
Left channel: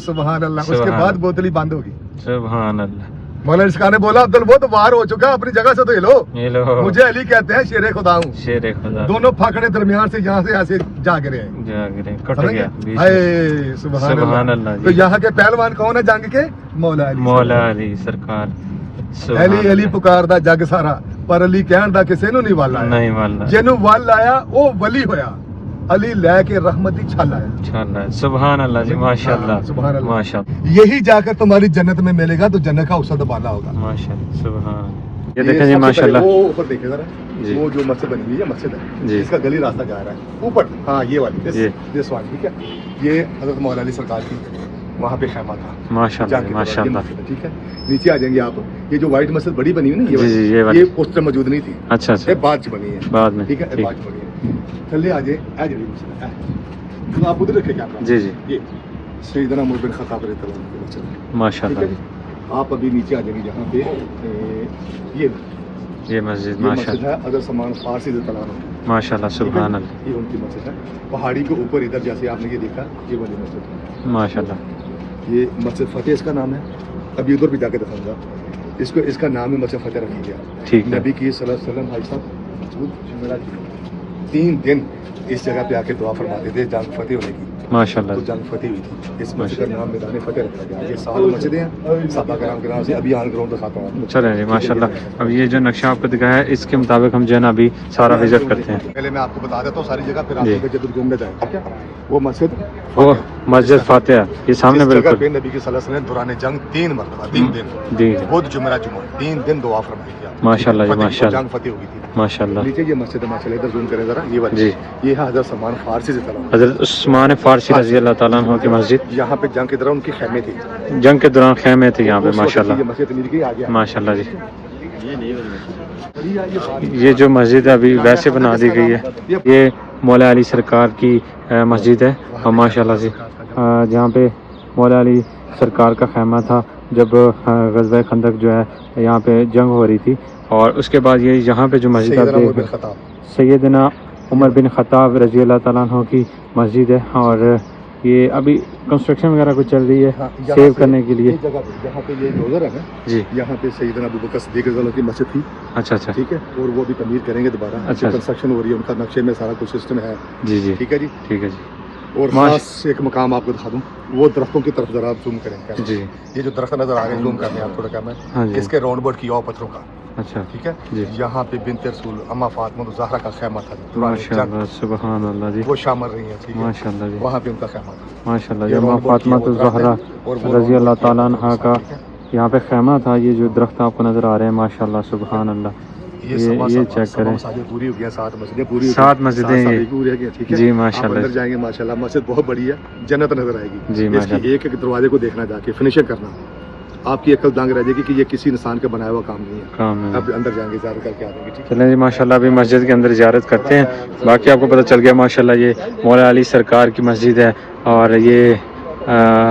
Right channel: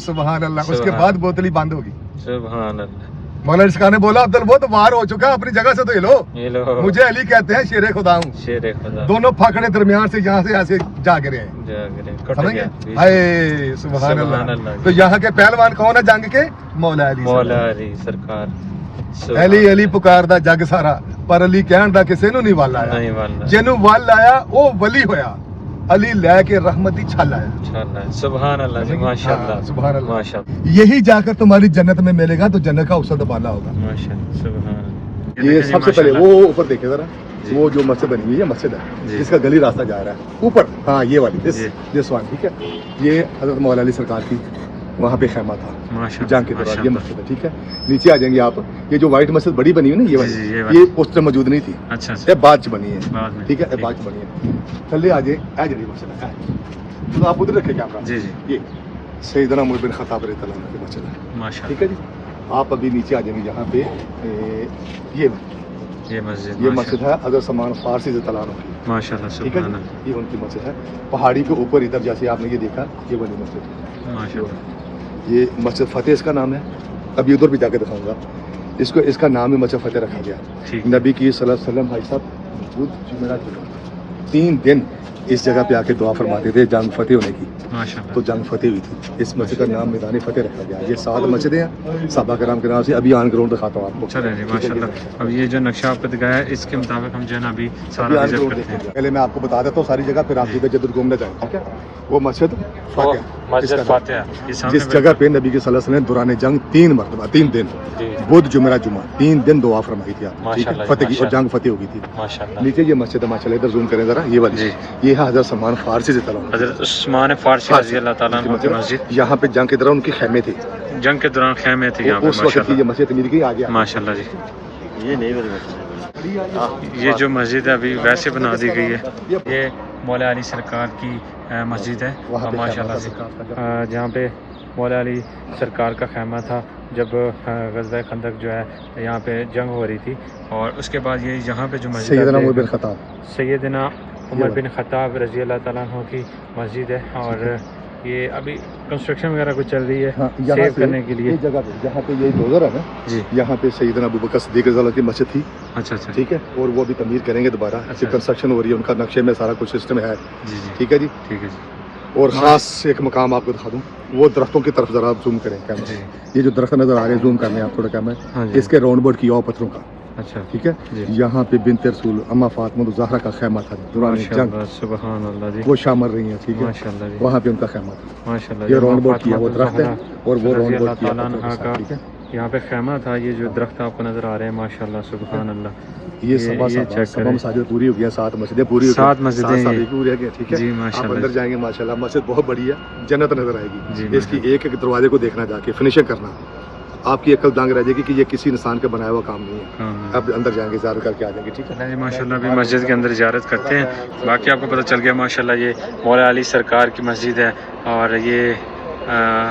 سبحان اللہ. اس کے بعد بوتل ہی بند ہوگی. سبحان اللہ. مولا علی سرکار نے بولا عبد الود وار ہو چکا, اپنی جگہ سے تو ہلو. مجھے علی کہتے ہیں شیر خدا ہوں. دونوں پھکڑے درمیان سے یہاں سے ایسے جا گرے ہیں. سبحان اللہ. تو یہاں کے پہلوان کون ہے جنگ کے؟ مولا علی سرکار. علی پکار دا جگ سارا, پر علی کہن دا کسے نو نہیں وال آیا. جنوں وال آیا وہ ولی ہویا. علی لے کے رحمتی چھل آیا. سبحان اللہ جی. ماشاءاللہ. سبحان اللہ. یہی جا کر تمہاری جنت میں ملے گا, تو جنت کا اوسط بالا ہوگا. ماشاءاللہ. سبحان اللہ. یہ دیکھیں ماشاءاللہ. وہ اوپر دیکھیں ذرا, وہ جو مسجد بنی ہوئی ہے مسجد ہے, اس کا گلی راستہ جا رہا ہے اوپر. ہاں یہ والی دس وان. ٹھیک ہے. یہ حضرت مولا علی سرکار کی وہاں پہ خیمہ تھا. ماشاءاللہ. ٹھیک ہے. نیچے آ جائیں گے آپ. یہ جو وائٹ مسجد بڑی بنی ہوئی نا یہ اس سے موجود نہیں تھی. اچھا. یہ بعد بنی ہے بعد میں. ٹھیک ہے. بعد بنی ہے. تھلے آ جائیں. اے جڑی مسجد ہے تو آپ ادھر رکھے کیمرہ. جی. یہ سیدنا عمر بن خطاب رضی اللہ عنہ کی مسجد ہے. ماشاءاللہ. آپ ابھی نیچے آ جائیں گے جہاں پہ یہ مسجد ہے حضرت سلمان فارسی رضی اللہ عنہ کی. ماشاءاللہ. سبحان اللہ. یہ ان کی مسجد ہے پہاڑی کے اوپر ادھر, جیسے آپ نے یہ دیکھا یہ والی مسجد ہے. ماشاءاللہ. یہ مسجد فتح اس کا نام ہے. ابھی ادھر بھی جا کے دکھاؤں گا. اس کا نام ہی مسجد فتح رکھا گیا. نبی کی صلی اللہ علیہ وسلم بھائی صاحب 3 دن اس جگہ پہ آ کے دعا فرماتے تھے جنگ فتح ہونے کی. ماشاءاللہ. تو جنگ فتح ہوئی تھی. اس مسجد کا نام میدان فتح رکھا گیا. یہ 7 مسجدیں ہیں صحابہ کرام کے نام سے. ابھی آن گراؤنڈ دکھاتا ہوں آپ کو. چلیں جی ماشاءاللہ. اب یہ جو نقشہ آپ کو دکھایا ہے اس کے مطابق ہم جو ہے نا ابھی سارا وزٹ کرتے ہیں. پہلے میں آپ کو بتا دیتا ہوں ساری جگہ, پھر آپ جدھر گھومنے جائیں. ٹھیک ہے. وہ مسجد فاتحہ یہ سامنے جگہ پہ نبی کے صلی اللہ علیہ وسلم دوران جنگ 3 مرتبہ 3 دن بدھ جمعہ 3 دن دعا فرمائی تھی. ماشاءاللہ. جنگ فتح ہو گئی تھی. ماشاءاللہ. نیچے یہ مسجد ہے ماشاءاللہ. ادھر زوم کریں ذرا. یہ والی یہ ہے حضرت سلمان فارسی سے تعلق. حضرت عثمان فارسی رضی اللہ تعالیٰ عنہ کی مسجد. یہاں پہ جنگ کے دوران ان کے خیمے تھے. جنگ کے دوران خیمے تھے یہاں پہ. ماشاءاللہ. یہ مسجد مل گئی آ گیا. ماشاءاللہ جی. یہ جو مسجد ابھی ویسے بنا دی گئی ہے یہ مولا علی سرکار کی مسجد ہے. اور ماشاءاللہ سے جہاں پہ مولا علی سرکار کا خیمہ تھا جب غزوہ خندق جو ہے یہاں پہ جنگ ہو رہی تھی. اور اس کے بعد یہ یہاں پہ جو مسجد سیدنا عمر بن خطاب رضی اللہ تعالیٰ عنہ کی مسجد ہے. اور یہ ابھی کنسٹرکشن وغیرہ کچھ چل رہی ہے یہاں سیو سے کرنے کے لیے. یہ جگہ پہ جہاں پہ یہ گزر ہے نا جی یہاں پہ سیدنا ابو بکر صدیق رضی اللہ عنہ کی مسجد تھی. اچھا اچھا. ٹھیک ہے اور وہ بھی تعمیر کریں گے دوبارہ. اچھا. کنسٹرکشن ہو رہی ہے ان کا نقشے میں سارا کچھ سسٹم ہے. جی جی ٹھیک ہے جی. ٹھیک ہے جی. اور خاص ایک مقام آپ کو دکھا دوں وہ درختوں کی طرف ذرا زوم کریں. جی یہ جو درخت نظر آ رہے ہیں زوم کرنے آپ تھوڑا کم ہاں ہے جی. اس کے راؤنڈ بورڈ کیا ہوا پتھروں کا. اچھا ٹھیک ہے جی. یہاں پہ بنت رسول اما فاطمہ الزہرا کا خیمہ تھا. ماشاء اللہ سبحان اللہ جی. وہ شام مر رہی ہیں. ٹھیک ہے ماشاء اللہ جی. وہاں پہ ان کا خیمہ تھا. ماشاء اللہ. یہ اماں راؤنڈ بورڈ فاطمہ کیا ہوا درخت الزہرا ہے اور وہ رضی راؤنڈ اللہ بورڈ کیا تعالیٰ ہوا عنہا پتھروں کا سے. ٹھیک ہے یہاں پہ خیمہ تھا. یہ جو درخت آپ کو نظر آ رہے ہیں ماشاء اللہ سبحان اللہ. یہ چیک کریں. مساجد پوری ہو گیا 7 مسجدیں پوری ہو گئی. 7 مسجدیں یہ پوری ہو گئی. ٹھیک ہے جی آپ ماشاء اندر اللہ. جائیں گے ماشاءاللہ مسجد بہت بڑی ہے. جنت نظر آئے گی. جی اس کی ایک ایک دروازے کو دیکھنا جا کے فنیشنگ کرنا آپ کی عقل دانگ رہ جائے گی کہ یہ کسی انسان کا بنایا ہوا کام نہیں ہے. کام ہے. اب اندر جائیں گے زیارت کر کے آ جائیں گے. ٹھیک ہے چلیں جی ماشاء اللہ ابھی مسجد کے اندر زیارت کرتے ہیں. باقی آپ کو پتہ چل گیا ماشاء اللہ یہ مولا علی سرکار کی مسجد ہے اور یہ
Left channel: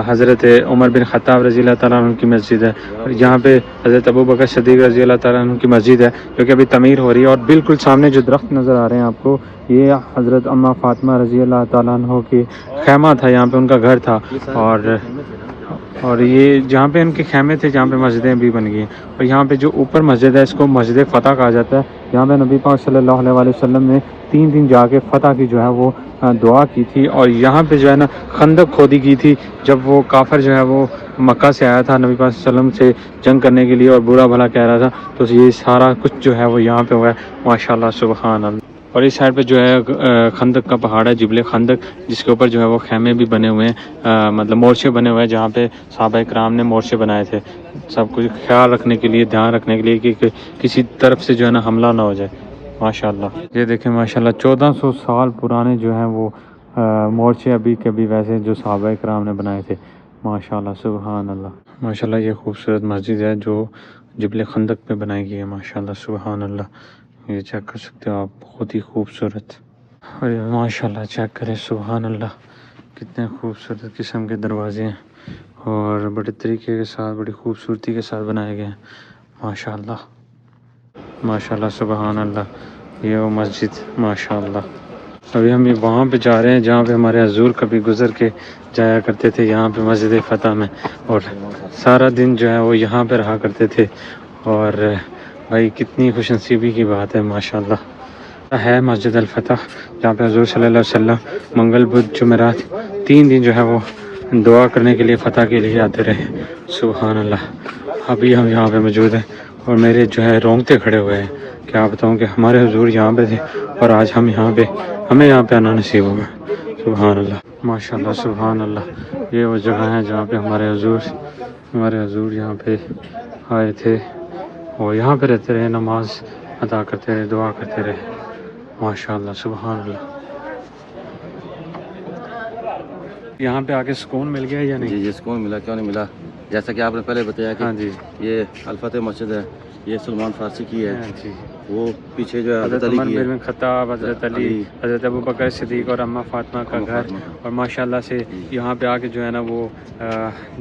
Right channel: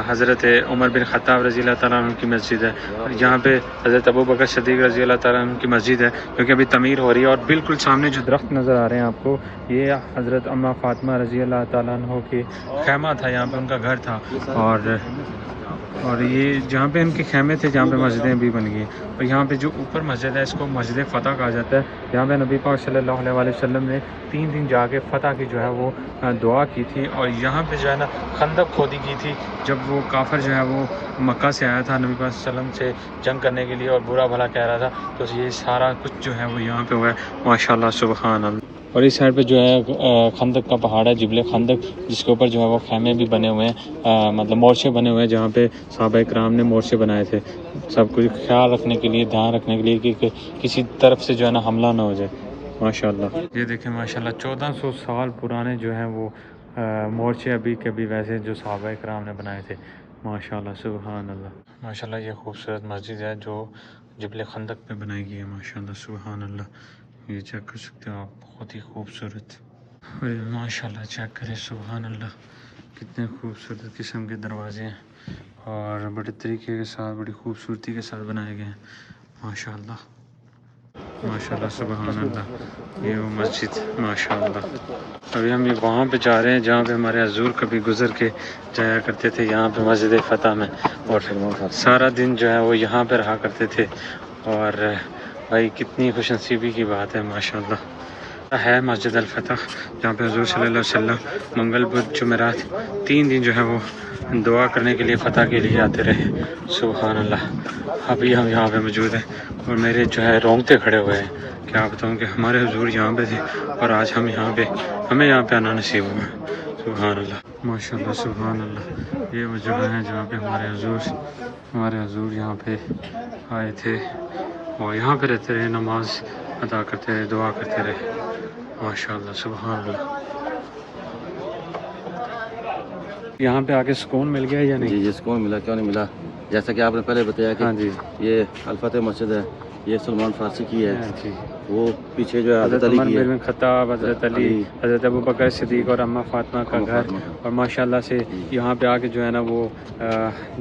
حضرت عمر بن خطاب رضی اللہ تعالیٰ عنہ کی مسجد ہے. یہاں پہ حضرت ابو بکر صدیق رضی اللہ تعالیٰ عنہ کی مسجد ہے جو کہ ابھی تعمیر ہو رہی ہے. اور بالکل سامنے جو درخت نظر آ رہے ہیں آپ کو یہ حضرت اماں فاطمہ رضی اللہ تعالیٰ عنہ کی خیمہ تھا. یہاں پہ ان کا گھر تھا اور یہ جہاں پہ ان کے خیمے تھے جہاں پہ مسجدیں بھی بن گئی ہیں. اور یہاں پہ جو اوپر مسجد ہے اس کو مسجد فتح کہا جاتا ہے. یہاں پہ نبی پاک صلی اللہ علیہ وسلم نے 3 دن جا کے فتح کی جو ہے وہ دعا کی تھی. اور یہاں پہ جو ہے نا خندق کھودی کی تھی جب وہ کافر جو ہے وہ مکہ سے آیا تھا نبی پاک صلی اللہ علیہ وسلم سے جنگ کرنے کے لیے اور برا بھلا کہہ رہا تھا. تو یہ سارا کچھ جو ہے وہ یہاں پہ ہوا ہے ماشاء اللہ سبحان اللہ. اور اس سائڈ پہ جو ہے خندق کا پہاڑ ہے جبل خندق جس کے اوپر جو ہے وہ خیمے بھی بنے ہوئے ہیں مطلب مورچے بنے ہوئے ہیں جہاں پہ صحابہ کرام نے مورچے بنائے تھے سب کچھ خیال رکھنے کے لیے دھیان رکھنے کے لیے کہ کسی طرف سے جو ہے نا حملہ نہ ہو جائے ماشاء اللہ. یہ دیکھیں ماشاء اللہ 1400 سال پرانے جو ہیں وہ مورچے ابھی کبھی ویسے جو صحابہ کرام نے بنائے تھے ماشاء اللہ سبحان اللہ. ماشاء اللہ یہ خوبصورت مسجد ہے جو جبل خندق پہ بنائی گئی ہے ماشاء اللہ سبحان اللہ. یہ چیک کر سکتے ہو آپ بہت ہی خوبصورت. اور ماشاء اللہ چیک کریں سبحان اللہ کتنے خوبصورت قسم کے دروازے ہیں اور بڑے طریقے کے ساتھ بڑی خوبصورتی کے ساتھ بنائے گئے ہیں ماشاء اللہ ماشاء اللہ سبحان اللہ. یہ وہ مسجد ماشاء اللہ. ابھی ہم وہاں پہ جا رہے ہیں جہاں پہ ہمارے حضور کبھی گزر کے جایا کرتے تھے یہاں پہ مسجد فتح میں اور سارا دن جو ہے وہ یہاں پہ رہا کرتے تھے. اور بھائی کتنی خوش نصیبی کی بات ہے ماشاء اللہ ہے مسجد الفتح جہاں پہ حضور صلی اللہ علیہ وسلم منگل بدھ جمعرات 3 دن جو ہے وہ دعا کرنے کے لیے فتح کے لیے آتے رہے سبحان اللہ. ابھی ہم یہاں پہ موجود ہیں اور میرے جو ہے رونگٹے کھڑے ہوئے ہیں. کیا بتاؤں کہ ہمارے حضور یہاں پہ تھے اور آج ہمیں یہاں پہ آنا نصیب ہوگا سبحان اللہ ماشاء اللہ سبحان اللہ. یہ وہ جگہ ہے جہاں پہ ہمارے حضور یہاں پہ آئے تھے اور یہاں پہ رہتے رہے نماز ادا کرتے رہے دعا کرتے رہے ماشاء اللہ سبحان اللہ. یہاں پہ آ کے سکون مل گیا یا نہیں؟ جی سکون ملا کیوں نہیں ملا. جیسا کہ آپ نے پہلے بتایا کہ ہاں جی یہ الفتح مسجد ہے یہ سلمان فارسی کی ہے. جی وہ پیچھے جو ہے حضرت علی عمر کی ہے بن خطاب حضرت علی حضرت ابو بکر صدیق اور اماں فاطمہ کا گھر. اور ماشاءاللہ سے یہاں پہ آ کے جو ہے نا وہ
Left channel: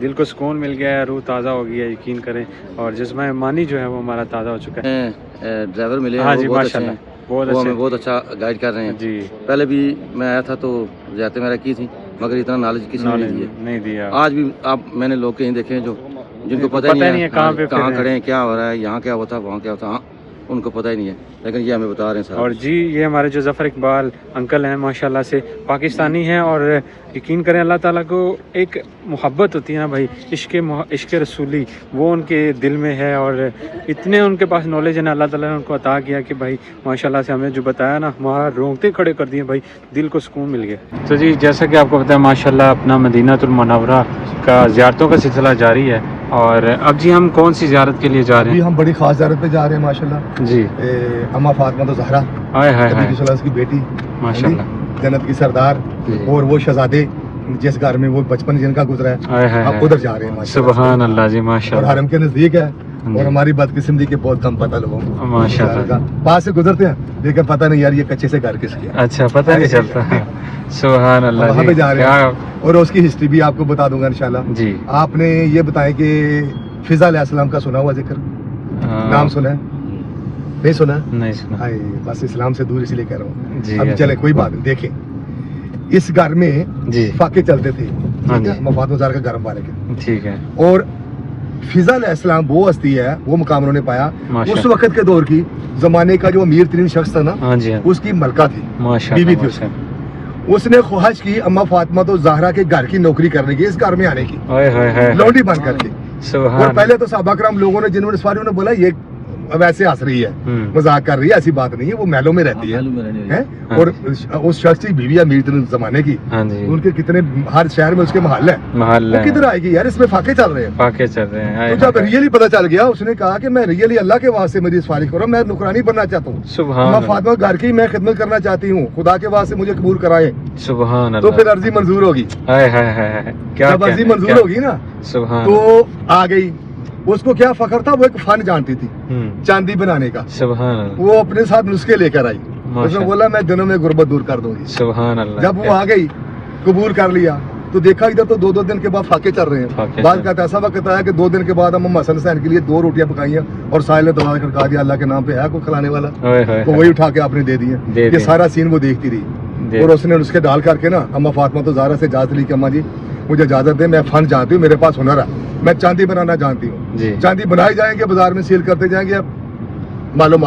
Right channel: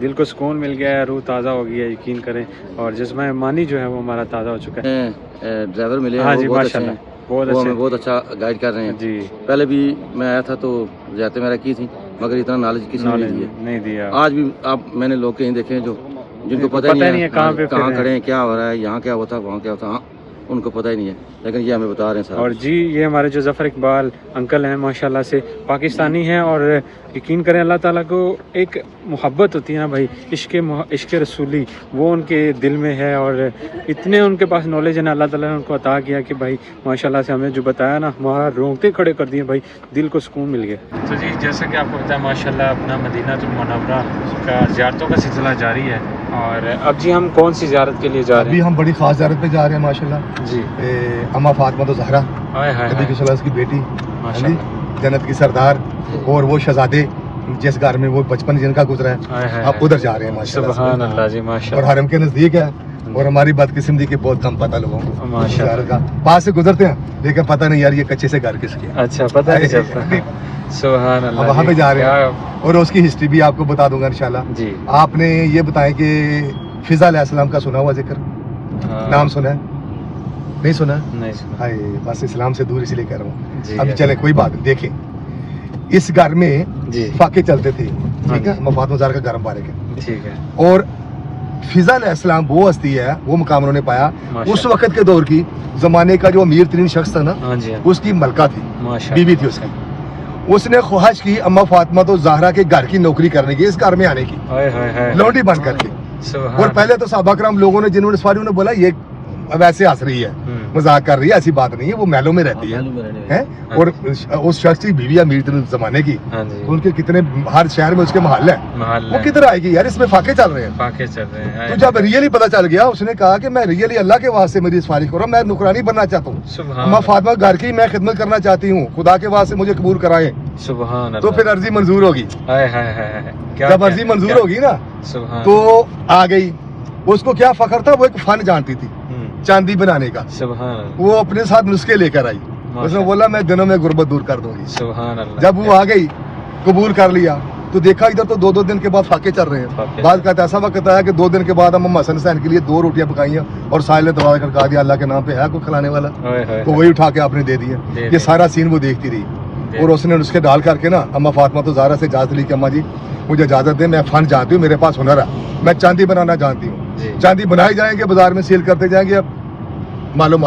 دل کو سکون مل گیا ہے روح تازہ ہو گئی ہے یقین کریں. اور جسم مانی جو ہے وہ ہمارا تازہ ہو چکا ہے. ڈرائیور ملے ہاں جی بہت ماشاء اچھے اللہ ہیں بہت وہ ہمیں اچھے بہت اچھا گائیڈ کر رہے ہیں. جی پہلے بھی میں آیا تھا تو زیادتی میرا کی تھی مگر اتنا نالج کسی نے نہیں دیا. آج بھی میں نے لوگ کہیں دیکھے ہیں جو جن کو پتہ نہیں ہے کہاں کھڑے ہیں کیا ہو رہا ہے یہاں کیا ہوتا وہاں کیا ہوتا. ان کو پتہ ہی نہیں ہے لیکن یہ ہمیں بتا رہے ہیں سر. اور جی یہ ہمارے جو ظفر اقبال انکل ہیں ماشاءاللہ سے پاکستانی ہیں اور یقین کریں اللہ تعالیٰ کو ایک محبت ہوتی ہے نا بھائی عشق رسولی وہ ان کے دل میں ہے اور اتنے ان کے پاس نالج ہے نا اللہ تعالیٰ نے ان کو عطا کیا کہ بھائی ماشاءاللہ سے ہمیں جو بتایا نا ہمارا رونگٹے کھڑے کر دیے بھائی دل کو سکون مل گیا. تو جی جیسا کہ آپ کو پتہ ہے ماشاءاللہ اپنا مدینہ المنورہ کا زیارتوں کا سلسلہ جاری ہے. اور اب جی ہم کون سی زیارت کے لیے جا رہے ہیں؟ ابھی ہم بڑی خاص زیارت پہ جا رہے ہیں ماشاءاللہ. جی اماں فاطمہ الزہرا نبی کی صلی اللہ علیہ وسلم کی بیٹی جنت کی سردار اور وہ شہزادے جس گھر میں وہ بچپن جن کا گزرا ہے اب ادھر جا رہے ہیں ماشاءاللہ سبحان اللہ جی ماشاء اور حرم کے نزدیک ہے. اور ہماری بدقسمتی کے بہت کم پتہ لوگوں کو کا پاس سے گزرتے ہیں لیکن پتہ نہیں یار یہ کچے سے گھر کس کے. اچھا پتہ نہیں چلتا. سبحان اللہ وہاں پہ جا رہے ہیں اور اس کی ہسٹری بھی آپ کو بتا دوں گا انشاءاللہ. جی آپ نے یہ بتائیں کہ فضا علیہ السلام کا سنا ہوا ذکر نام سنا ہے نہیں سنا؟ نہیں سنا. بس اسلام سے دور اسی لیے کہہ رہا ہوں. ابھی چلیں کوئی بات نہیں دیکھیں اس گھر میں جی فاقے چلتے تھے، ٹھیک ہے، اما فاطمہ زہرا کا گھر مبارک ہے، ٹھیک ہے، اور فضا علیہ السلام وہ ہستی ہے، وہ مقام انہوں نے پایا اس وقت کے دور کی زمانے کا جو امیر ترین شخص تھا نا، ہاں جی اس کی ملکہ تھی، ماشاء بیوی تھی اس کی. اس نے خواہش کی اما فاطمہ تو زہرا کے گھر کی نوکری کرنے کی، اس گھر میں آنے کی، لونڈی بن کر کے. اور پہلے تو صحابہ کرام لوگوں نے جنہوں نے سواری انہوں نے بولا یہ ویسے ہنس رہی ہے، مذاق کر رہی ہے، ایسی بات نہیں ہے، وہ محلوں میں رہتی ہے. اور اس شخص کی بیوی امیر ترین زمانے کی، تو ان کے کتنے ہر شہر میں اس کے محل ہیں، وہ کدھر آئے گی یار، اس میں فاقے چل رہے ہیں. تو جب ریئلی پتہ چل گیا، اس نے کہا کہ میں ریئلی اللہ کے واسطے میری سفارش کروں، میں نوکرانی بننا چاہتا ہوں، اما فاطمہ گھر کی میں خدمت کرنا چاہتی ہوں، خدا کے واسطے مجھے قبول کرائیں. تو پھر عرضی منظور ہوگی. جب عرضی منظور ہوگی نا تو آ گئی. اس کو کیا فخر تھا، وہ ایک فن جانتی تھی چاندی بنانے کا. وہ اپنے ساتھ نسخے لے کر آئی. اس نے بولا میں دنوں میں غربت دور کر دوں گی. جب وہ آ گئی، قبول کر لیا، تو دیکھا ادھر تو 2 دن کے بعد فاقے چل رہے ہیں. بعد کا ایسا وقت آیا کہ 2 دن کے بعد ہم حسن حسین کے لیے 2 روٹیاں پکائی ہیں اور ساحل نے دروازہ کھٹکا دیا، اللہ کے نام پہ ہے کوئی کھلانے والا، تو وہی اٹھا کے آپ نے دے دیے. یہ سارا سین وہ دیکھتی رہی، اور اس نے نسخے ڈال کر کے نا اما فاطمہ تو زہرا سے اجازت لی کہ اماں جی مجھے اجازت دیں، میں فن جانتی ہوں، میرے پاس ہنر ہے، میں چاندی بنانا جانتی ہوں. چاندی بنائی جائیں گے، بازار میں سیل کرتے جائیں گے، اب معلوم.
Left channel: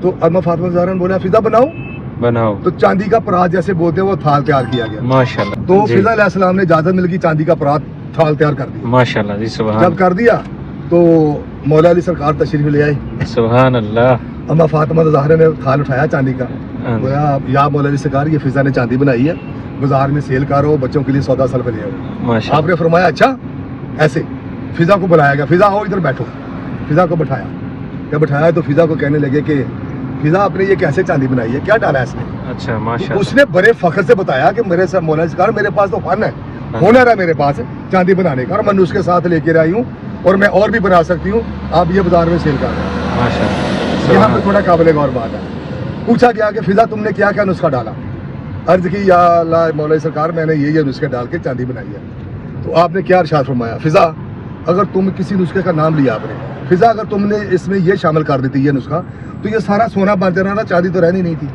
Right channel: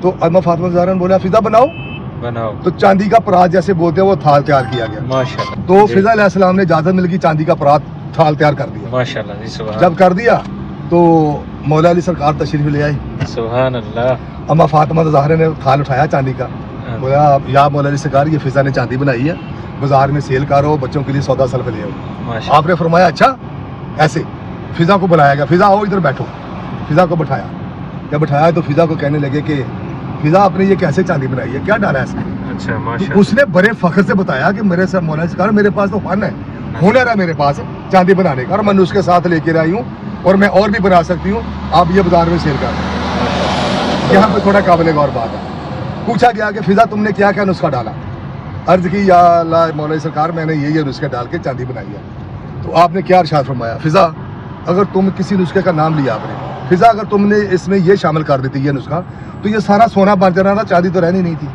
تو اما فاطمہ زہرا نے بولا فضا بناؤ. تو چاندی کا پرات جیسے بولتے ہیں وہ تھال تیار کیا گیا. تو فضا علیہ السلام نے اجازت مل گئی، چاندی کا پرات تھال تیار کر دیا. جب کر دیا تو مولا علی سرکار تشریف لے آئی. سبحان اللہ. اما فاطمہ زہرا نے تھال اٹھایا چاندی کا، بولا یا مولا علی سرکار یہ فضا نے چاندی بنائی ہے، بازار میں سیل کرو، بچوں کے لیے سودا سلف لے آؤ. آپ نے فرمایا اچھا. ایسے فضا کو بلایا گیا، فضا آؤ ادھر بیٹھو. فضا کو بٹھایا. جب بٹھایا تو فضا کو کہنے لگے کہ فضا آپ نے یہ کیسے چاندی بنائی ہے، کیا ڈالا ہے اس میں. اچھا اس نے بڑے فخر سے بتایا کہ میرے سے مولا سرکار میرے پاس تو فن ہے، ہنر ہے میرے پاس چاندی بنانے کا، اور میں اس کے ساتھ لے کے آئی ہوں اور میں اور بھی بنا سکتی ہوں، آپ یہ بازار میں سیل کر دیں. یہاں پہ تھوڑا قابل غور بات ہے. پوچھا گیا کہ فضا تم نے کیا کیا نسخہ ڈالا. عرض کی یا اللہ مولا سرکار میں نے یہ نسخے ڈال کے چاندی بنائی ہے. تو آپ نے کیا ارشاد فرمایا، فضا اگر تم کسی نسخے کا نام لیا آپ نے، فضا اگر تم نے اس میں یہ شامل کر دیتی یہ نسخہ تو یہ سارا سونا بن جانا تھا، چاندی تو رہنی نہیں تھی.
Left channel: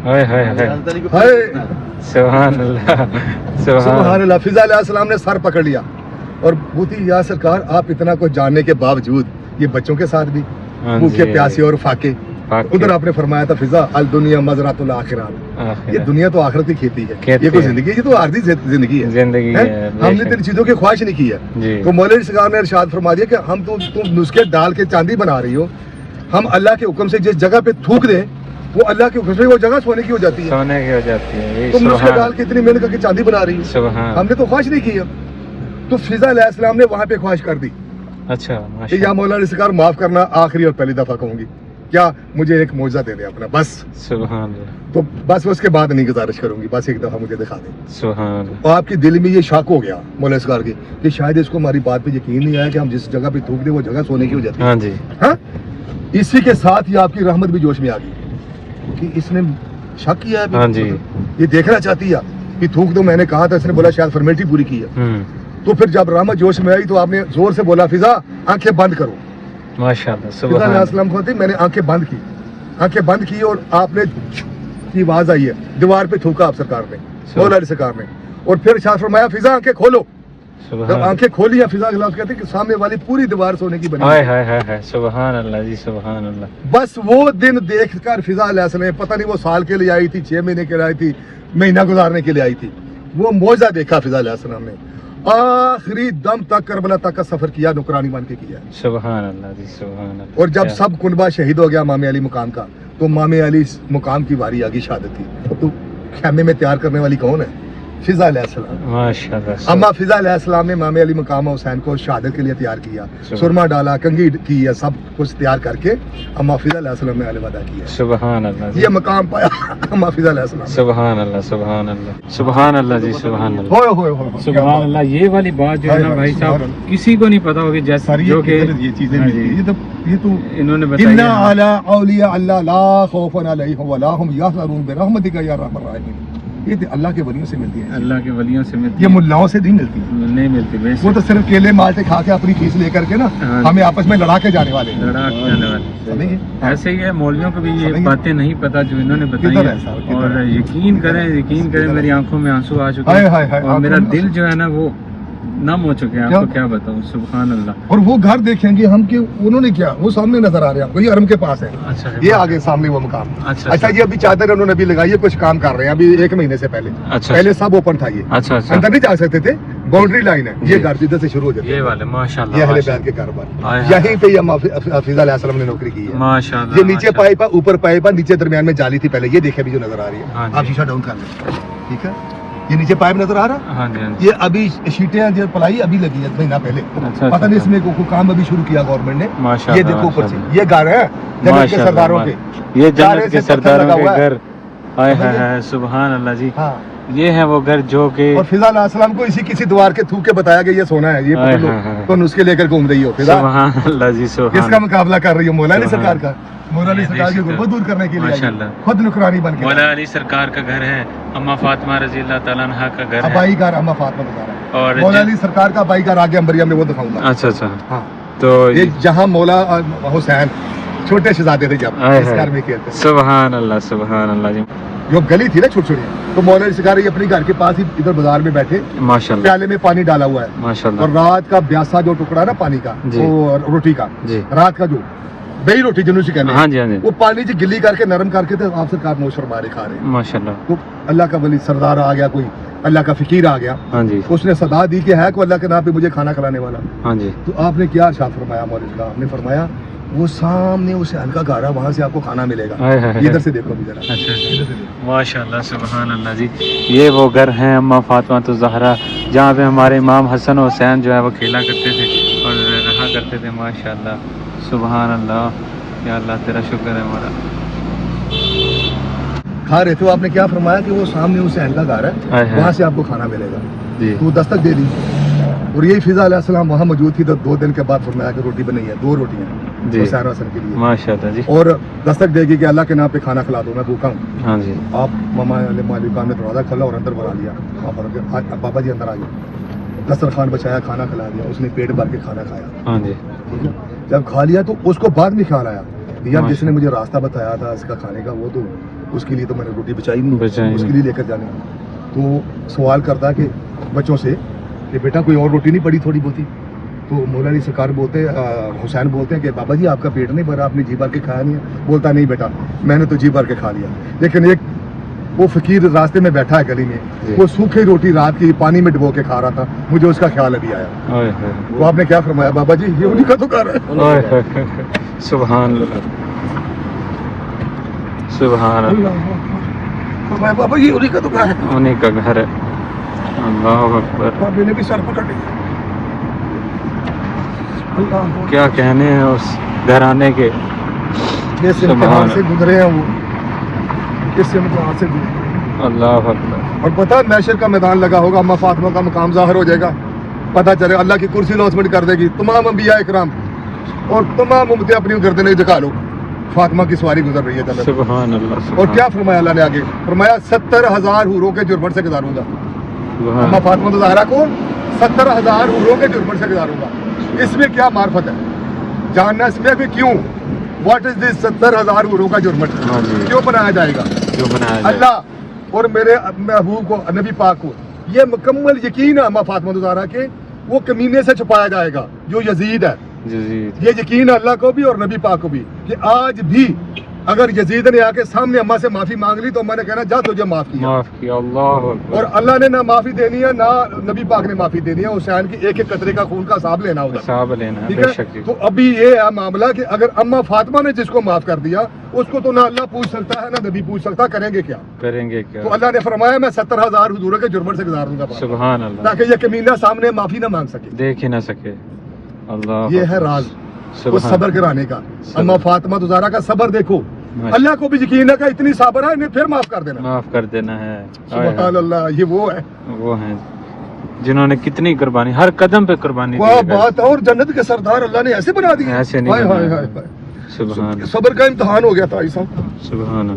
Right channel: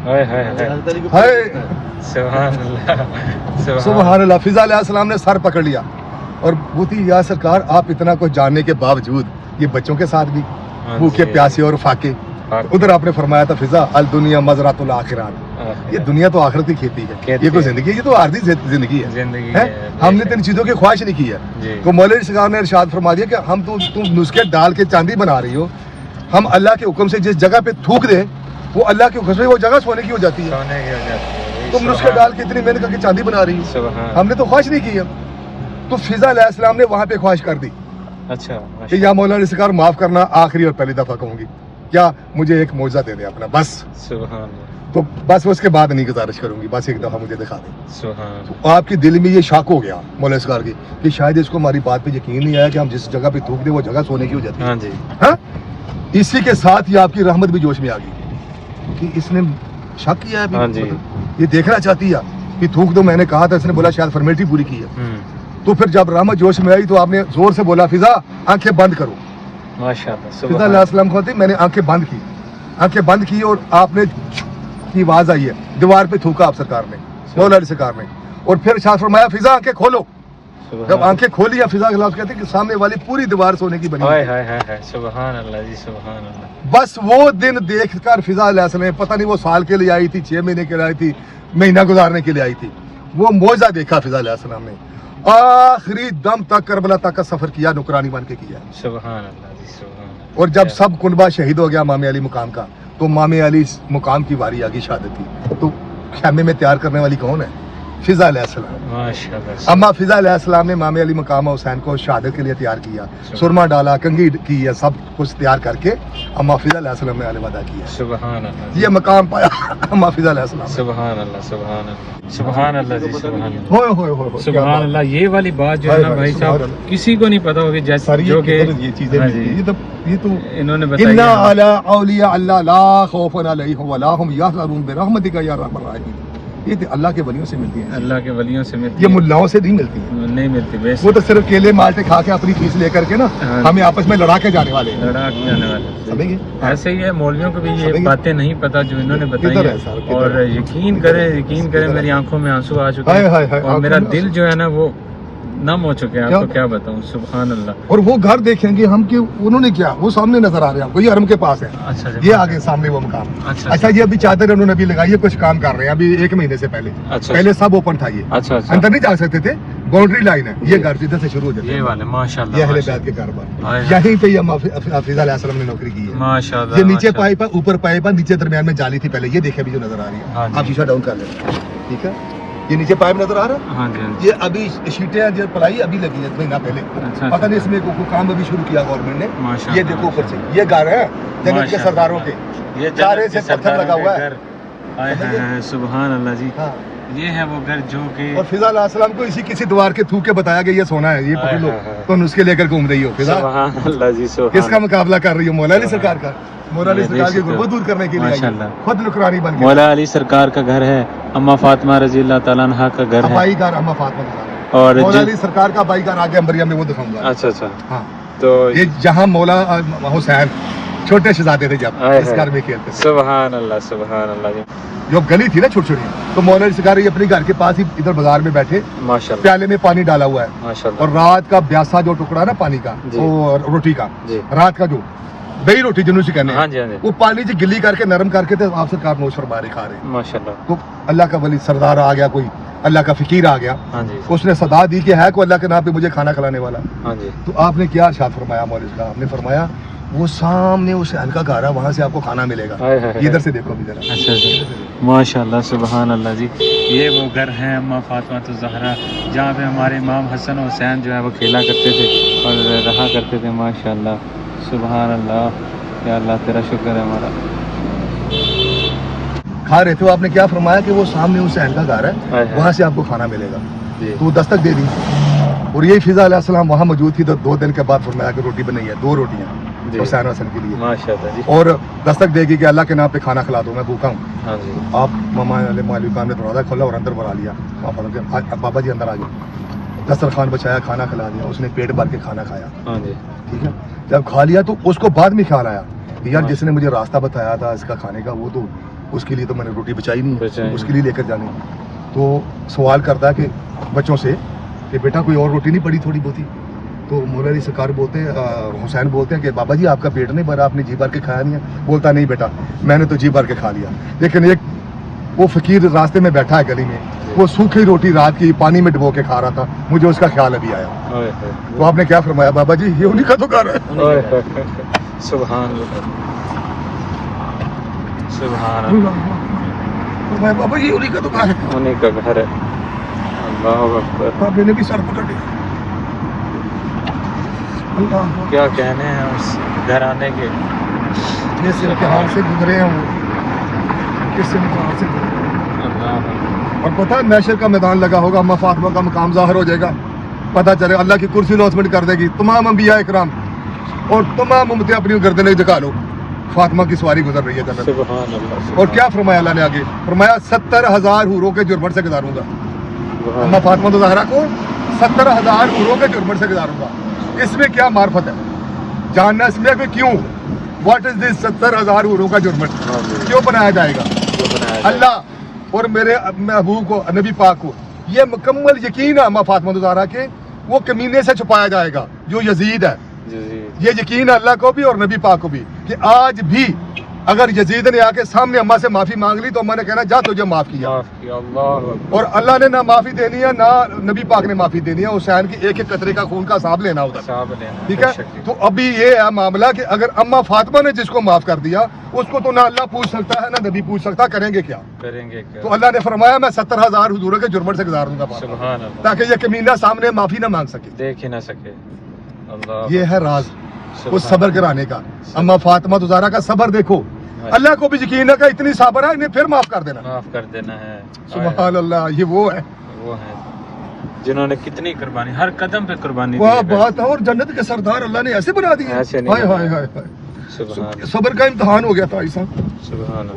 سبحان اللہ. فضا علیہ السلام نے سر پکڑ لیا اور بوتی یا سرکار آپ اتنا کچھ جاننے کے باوجود یہ بچوں کے ساتھ بھی بھوکے پیاسے اور فاقے. ادھر آپ نے فرمایا تھا فضا الدنیا مزرعۃ الاخرات، یہ دنیا تو آخرت کی کھیتی ہے، یہ کوئی زندگی ہے، یہ تو عارضی زندگی ہے. ہم نے تین چیزوں کی خواہش نہیں کی ہے. تو مولوی سرکار نے ارشاد فرما دیا کہ ہم تو تم نسخے ڈال کے چاندی بنا رہی ہو، ہم اللہ کے حکم سے جس جگہ پہ تھوک دیں وہ اللہ کے حکم سے وہ جگہ سونے کی ہو جاتی ہے. تم نسخے ڈال کے اتنی محنت کر کے چاندی بنا رہی ہو، ہم نے تو خواہش نہیں کی ہے. تو فضا علیہ السلام نے وہاں پہ خواہش کر دی کہ یا مولانا سرکار معاف کرنا، آخری اور پہلی دفعہ کہوں گی، کیا مجھے ایک معجزہ دے دیں اپنا بس. تو بس اس کے بعد نہیں گزارش کروں گی، بس ایک دفعہ مجھے دکھا دیں. تو آپ کے دل میں یہ شک ہو گیا مولانا سرکار کی کہ شاید اس کو ہماری بات پہ یقین نہیں آیا کہ ہم جس جگہ پہ تھوک دیں وہ جگہ سونے کی ہو جاتی ہے. ہاں اسی کے ساتھ ہی آپ کی رحمت بھی جوش میں آ گئی کہ اس نے شک کیا ہے، یہ دیکھنا چاہتی ہے کہ تھوک دو. میں نے کہا تھا، اس نے بولا شاید فارمیلٹی پوری کی ہے. تو پھر جب رحمت جوش میں آئی تو آپ نے زور سے بولا فضا آنکھیں بند کرو. فضا علیہ السلام کو میں نے آنکھیں بند کی اور آپ نے کی آواز آئی ہے، دیوار پہ تھوکا آپ سرکار نے، مولا علی سرکار نے، اور پھر ارشاد فرمایا فضا آنکھیں کھولو. جب آنکھیں کھولی فضا کے لفظ کہتے ہیں کہ سامنے والی پوری دیوار سونے کی بنی ہے. سبحان اللہ جی، سبحان اللہ. بس وہ دن دیکھ کر فضا علیہ السلام پتہ نہیں وہ سال کے لیے آئی تھی، 6 مہینے کے لیے آئی تھی، مہینہ گزارنے کے لیے آئی تھی، وہ معجزہ دیکھا فضا علیہ السلام نے. آخری دم تک کربلا تک کا سفر کیا، نوکرانی بن کے کیا. سبحان اللہ جی، سبحان اللہ. اور جب سب کنبہ شہید ہو گیا امام علی مقام کا، تو امام علی مقام کی واری آگی شہادت کی. تو خیمے میں تیار کرنے والی کون ہے؟ فضا علیہ السلام. اما فضا علیہ السلام نے امام علی مقام حسین کو شہادت کے لیے تیار کیا، سرما ڈالا، کنگھی کی ہے، سب کچھ تیار کر کے اما فضا علیہ السلام نے علیہ وعدہ کیا. سبحان اللہ. یہ مقام پایا اما فضا علیہ السلام. سبحان اللہ، سبحان اللہ، سبحان اللہ جی، سبحان اللہ، سبحان اللہ. یہ والی بات جو ہے نا بھائی صاحب کسی کو نہیں پتا ہوگی، جیسے جو کہ یہ چیزیں یہ تو انہوں نے بتایا انا علی اولیاء اللہ لا خوف علیہم ولا هم یحزنون برحمتک یا ارحم الراحمین. یہ کہ اللہ کے ولیوں سے ملتی ہیں، اللہ کے ولیوں سے ملتی یہ ملاؤں سے نہیں ملتی، نہیں ملتی، وہ تو صرف کیلے مالٹے کھا کے اپنی فیس لے کر کے نا ہمیں آپس میں لڑا کے جانے والے ہیں، لڑا کے جانے والے۔ سمجھے؟ ایسے ہی ہے، مولویوں کو بھی یہ باتیں نہیں پتا جو انہوں نے بتائی کدھر ہیں، ہے صاحب؟ اور یقین کریں میری آنکھوں میں آنسو آ چکے ہیں اور میرا دل جو ہے نا وہ نم ہو چکے ہیں، آپ کو کیا بتاؤں، سبحان اللہ۔ اور وہ گھر دیکھیں گے ہم کہ انہوں نے کیا، وہ سامنے نظر آ رہے ہیں آپ کو، یہ حرم کے پاس ہے، اچھا یہ آگے سامنے وہ مکان۔ اچھا یہ ابھی چادر انہوں نے بھی لگائی ہے، کچھ کام کر رہے ہیں ابھی 1 مہینے سے پہلے، پہلے سب اوپن تھا، یہ اندر نہیں جا سکتے تھے، باؤنڈری لائن ہے، یہ گھر ادھر سے شروع ہو جاتے ہیں، یہ والے ماشاءاللہ، یہ اہل بیت کے کاروبار، یہیں پہ یہ حفیظ علیہ السلام نے نوکری کی ہے، ماشاءاللہ۔ یہ نیچے پائپ ہے، اوپر پائپ ہے، نیچے درمیان میں جالی تھی پہلے، یہ دیکھے بھی جو نظر آ رہی ہے، آپ شیشہ ڈاؤن کر لیں، ٹھیک ہے، یہ نیچے پائپ نظر آ رہا ہے، ہاں جی، یہ ابھی شیٹیں جو پلائی ابھی لگی ہے مہینہ پہلے، پتہ نہیں اس میں کوئی کام ابھی شروع کیا گورنمنٹ نے، یہ دیکھو اوپر سے، یہ گھر ہے جنت کے سرداروں کے، یہ جنت کے سرداروں کے گھر، ہائے ہائے ہائے سبحان اللہ جی، یہ ہے وہ گھر جو کہ، اور فضا علیہ السلام کو اسی کسی دوار کے تھوک کے بتایا گیا یہ سونا ہے، یہ پکڑ لو، تو نسخے لے کر گھوم رہی ہو فضا، کس کا مقابلہ کر رہی ہو؟ مولا علی سرکار کا، مولا علی سرکار کی غربت دور کرنے کے لیے خود نکرانی بن کے، مولا علی سرکار کا گھر ہے، اما فاطمہ رضی اللہ تعالیٰ عنہا کا گھر ہے، ابائی گھر اما فاطمہ کا گھر ہے، اور مولا علی سرکار کا ابائی گھر آگے انبریہ میں وہ دکھاؤں گا۔ اچھا اچھا، ہاں تو یہ جہاں مولا حسین چھوٹے شہزادے تھے جب اس گھر میں کھیلتے، سبحان اللہ سبحان اللہ جی، جو گلی تھی نا چھوٹی چھوٹی، تو مولا علی سرکار اپنے گھر کے پاس ہی ادھر بازار میں بیٹھے، ماشاءاللہ، پیالے میں پانی ڈالا ہوا ہے، ماشاءاللہ، اور رات کا 82 جو ٹکڑا نا پانی کا، اور روٹی کا، رات کا جو بہی روٹی جنوں سے کہنے ہیں، وہ پانی سے گلی کر کے نرم کر کے تھے، آپ سرکار نوش فرما رہے کھا رہے ہیں، ماشاءاللہ۔ تو اللہ کا ولی سردار آ گیا، کوئی اللہ کا فقیر آ گیا، اس نے صدا دی کہ ہے کوئی اللہ کے نام پہ مجھے کھانا کھلانے والا، تو آپ نے کیا ارشاد فرمایا مولوی صاحب؟ آپ نے فرمایا وہ سامنے حسین کا گھر ہے، وہاں سے آپ کو کھانا ملے گا، یہ ادھر سے دیکھو ابھی ذرا۔ اچھا ماشاء اللہ سبحان اللہ جی، یہ وہ گھر ہیں اما فاطمہ الزہرا جہاں پہ ہمارے امام حسن و حسین جو ہے وہ کھیلا کرتے تھے اور رہا کرتے تھے، ماشاء اللہ سبحان اللہ، یا اللہ تیرا شکر ہے ہمارا۔ کھا رہے تھے، آپ نے کیا فرمایا کہ وہ سامنے حسین کا گھر ہے، وہاں سے آپ کو کھانا ملے گا، تو دستک دے دی، اور یہی فضا علیہ السلام وہاں موجود تھی، تو 2 دن کے بعد فرمایا کہ روٹی بنی ہے، 2 روٹیاں حسین حسن کے لیے، اور دستک دے گی کہ اللہ کے نام پہ کھانا کھلا دو، میں بھوکا ہوں۔ آپ ماما مالک نے دروازہ کھولا اور اندر بلا لیا، بابا جی اندر آ گئے، دسترخوان بچایا، کھانا کھلا دیا، اس نے پیٹ بھر کے کھانا کھایا، ٹھیک ہے، جب کھا لیا تو اس کو بعد میں خیال آیا کہ یار جس نے مجھے راستہ بتایا تھا اس کا کھانے کا، وہ تو اس کے لیے تو میں نے روٹی بچائی نہیں ہے، اس کے لیے لے کر جانی، تو سوال کرتا ہے کہ بچوں سے کہ بیٹا کوئی اور روٹی نہیں پڑی تھوڑی بہت ہی؟ تو مولا علی سرکار بولتے حسین بولتے ہیں کہ بابا جی آپ کا پیٹ نہیں بھرا، آپ نے جی بھر کے کھایا نہیں ہے؟ بولتا نہیں بیٹا میں نے تو جی بھر کے کھا لیا، لیکن ایک وہ فقیر راستے میں بیٹھا ہے گلی میں، وہ سوکھی روٹی رات کی پانی میں ڈبو کے کھا رہا تھا، مجھے اس کا خیال ابھی آیا، تو آپ نے کیا فرمایا؟ بابا جی یہ انہیں کا تو گھر ہے، سبحان اللہ سبحان اللہ، فرمایا بابا جی انہیں کا تو گھر ہے، انہیں کا گھر ہے، اللہ اکبر، بابے نے بھی سر پکڑ لیا، کیا کہنے ہیں اس گھرانے کے، جس امتحان سے گزرے ہیں وہ، کس امتحان سے گزرے، اللہ اکبر، اور پتہ ہے محشر کا میدان لگا ہوگا، اما فاطمہ کا مقام ظاہر ہو جائے گا، پتہ چلے اللہ کی کرسی لانچمنٹ کر دے گی، تمام انبیاء اکرام اور تمام امتیں اپنی گردنیں جھکا لو، فاطمہ کی سواری گزر رہی ہے جنت، اور کیا فرمایا اللہ نے آگے؟ فرمایا 70,000 حوروں کے جرمن سے گزاروں گا، اما فاطمہ الزہرا کو 70,000 حوروں کے جرمن سے گزاروں گا، اس میں کیا معرفت ہے؟ جاننا اس میں کہ کیوں، واٹ از دس 70,000 حوروں کا جرمن کیوں بنایا جائے گا؟ اللہ اور میرے محبوب کو، نبی پاک کو یہ مکمل یقین ہے اما فاطمہ الزہرا کے وہ کمینے سے چھپایا جائے گا جو یزید ہے، یہ یقین ہے اللہ کو بھی اور نبی پاک کو بھی کہ آج بھی اگر یزید نے آ کے سامنے اماں سے معافی مانگ لی تو اماں نے کہنا جا تجھے معاف کیا، اور اللہ نے نہ معافی دینی ہے نہ نبی پاک نے معافی دینی ہے، حسین کی ایک ایک قطرے کا خون کا حساب لینا ادھر، ٹھیک ہے؟ تو ابھی یہ ہے معاملہ کہ اگر اما فاطمہ نے جس کو معاف کر دیا اس کو تو نہ اللہ پوچھ سکتا ہے نہ نبی پوچھ سکتا، کریں گے کیا؟ تو اللہ نے فرمایا میں 70,000 حضوروں کے جرمن سے گزار دوں گا تاکہ یہ کمینہ سامنے معافی نہ مانگ سکے، دیکھ ہی نہ سکے، یہ ہے راز اس صبر کرانے کا، اما فاطمہ الزہرا کا صبر دیکھو، اللہ کو بھی یقین ہے کہ اتنی صابر ہے انہیں پھر معاف کر دینا ہے، سبحان اللہ، یہ وہ ہے جنہوں نے کتنی قربانی، ہر قدم پہ قربانی دی ہے، بات ہے، اور جنت کے سردار اللہ نے ایسے بنا دیے، ہائے ہائے ہائے ہائے، صبر کا امتحان ہو گیا تھا ایسا،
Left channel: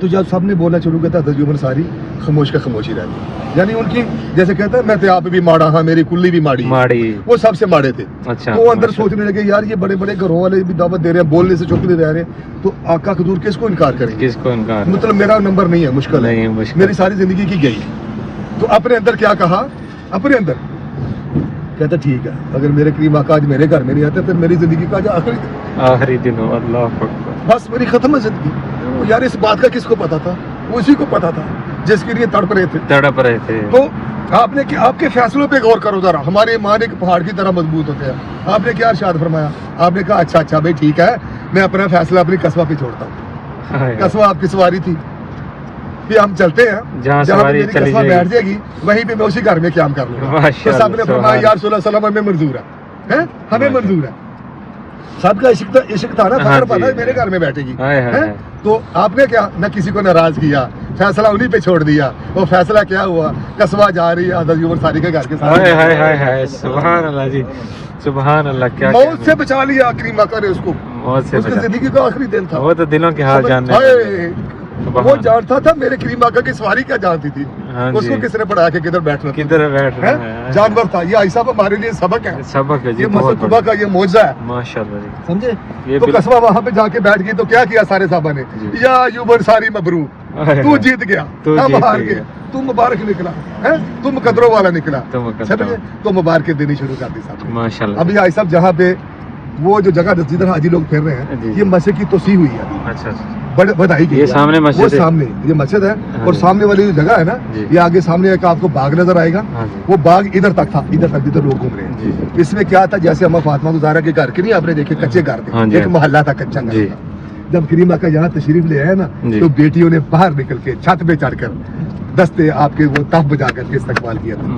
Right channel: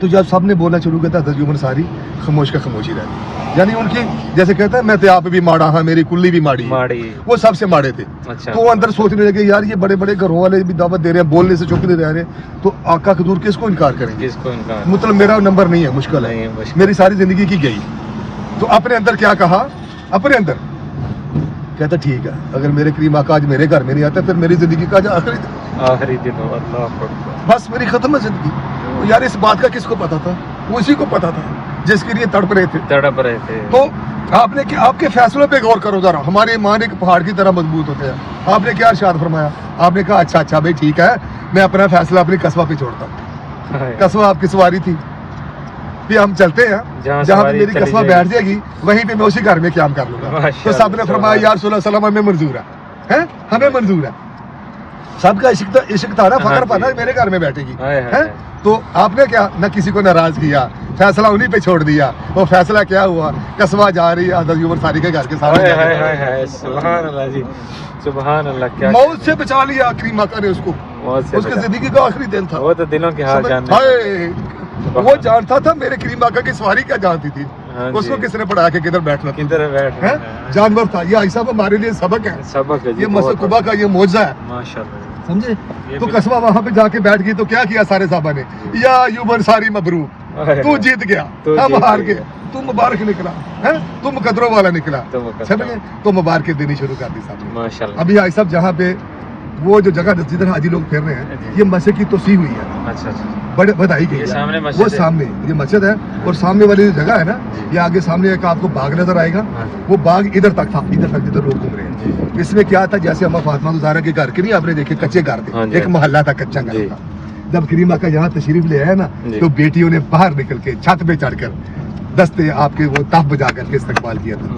تو جب سب نے بولنا شروع کیا تھا حضرت عمر ساری خاموش کا خاموشی رہتی، یعنی ان کی جیسے کہتا ہے میں تو آپ بھی ماڑا ہاں میری کلی بھی ماڑی ہے، وہ سب سے ماڑے تھے۔ تو اندر سوچنے لگے یار یہ بڑے بڑے گھروں والے بھی دعوت دے رہے ہیں، بولنے سے چپ نہیں رہ رہے، تو آقا حضور کس کو انکار کریں گے؟ مطلب میرا نمبر نہیں ہے، مشکل ہے، میری ساری زندگی کی گئی۔ تو اپنے اندر کیا کہا، اپنے اندر کہتا ٹھیک ہے اگر میرے کریم آقا آج میرے گھر میں نہیں آتے پھر میری زندگی کا آخری دن بس میری ختم ہے زندگی۔ یار اس بات کا کس کو پتا تھا؟ وہ اسی کو پتا تھا جس کے لیے تڑپ رہے تھے۔ تو آپ نے آپ کے فیصلوں پہ غور کرو ذرا، ہمارے ایمان ایک پہاڑ کی طرح مضبوط ہوتے ہیں۔ آپ نے کیا ارشاد فرمایا؟ آپ نے کہا اچھا بھائی ٹھیک ہے میں اپنا فیصلہ اپنی قصبہ پہ چھوڑتا ہوں۔ قصبہ آپ کی سواری تھی، پھر ہم چلتے ہیں جہاں پہ میری قصبہ بیٹھ جائے گی وہیں پہ میں اسی گھر میں قیام کر لوں گا۔ تو سب نے فرمایا یا رسول اللہ صلی اللہ علیہ وسلم ہمیں منظور ہے، ہمیں منظور ہے۔ سب کا عشق تھا نا، فخر پانا میرے گھر میں بیٹھے گی۔ تو آپ نے کیا نہ کسی کو ناراض کیا، فیصلہ انہیں پہ چھوڑ دیا۔ وہ فیصلہ کیا ہوا؟ قصبہ جا رہی ہے حضرت عمر ساری کے گھر کے سامنے، موت سے بچا لیا کریم آقا نے اس کو، اس کی زندگی کا آخری دن تھا۔ وہ جانتا تھا میرے کریم آقا کی سواری کیا جانتی تھی، اس کو کس نے پڑھایا کہ کدھر بیٹھنا ہے، جانور تھا۔ یہ ایسا ہمارے لیے سبق ہے، یہ مسجد قباء کا یہ معجزہ ہے، سمجھے؟ تو قصبہ وہاں پہ جا کے بیٹھ گئی تو کیا کیا سارے صحابہ نے؟ یا ایوب انصاری مبروک، تو جیت گیا، ہم ہار گئے، تو مبارک نکلا، تو مقدروں والا نکلا، سمجھے؟ تو مبارک دینی شروع کر دی صاحب نے۔ ابھی صاحب جہاں پہ وہ جو جگہ جدھر حاجی لوگ پھر رہے ہیں یہ مسجد کی توسیع ہوئی ہے، بڑے بدائی کی، وہ سامنے یہ مسجد ہے اور سامنے والی جو جگہ ہے نا یہ آگے سامنے ایک آپ کو باغ نظر آئے گا، وہ باغ ادھر تک تھا، ادھر تک جدھر لوگ گھوم رہے ہیں۔ اس میں کیا تھا جیسے اما فاطمہ زہرا کے گھر کے نہیں آپ نے دیکھے کچے گھر تھے، ایک محلہ تھا کچا گھر تھا۔ جب کریم آقا یہاں تشریف لے آئے نا تو بیٹیوں نے باہر نکل کے چھت پہ چڑھ کر دستے آپ کے وہ تف بجا کر کے استقبال کیا تھا،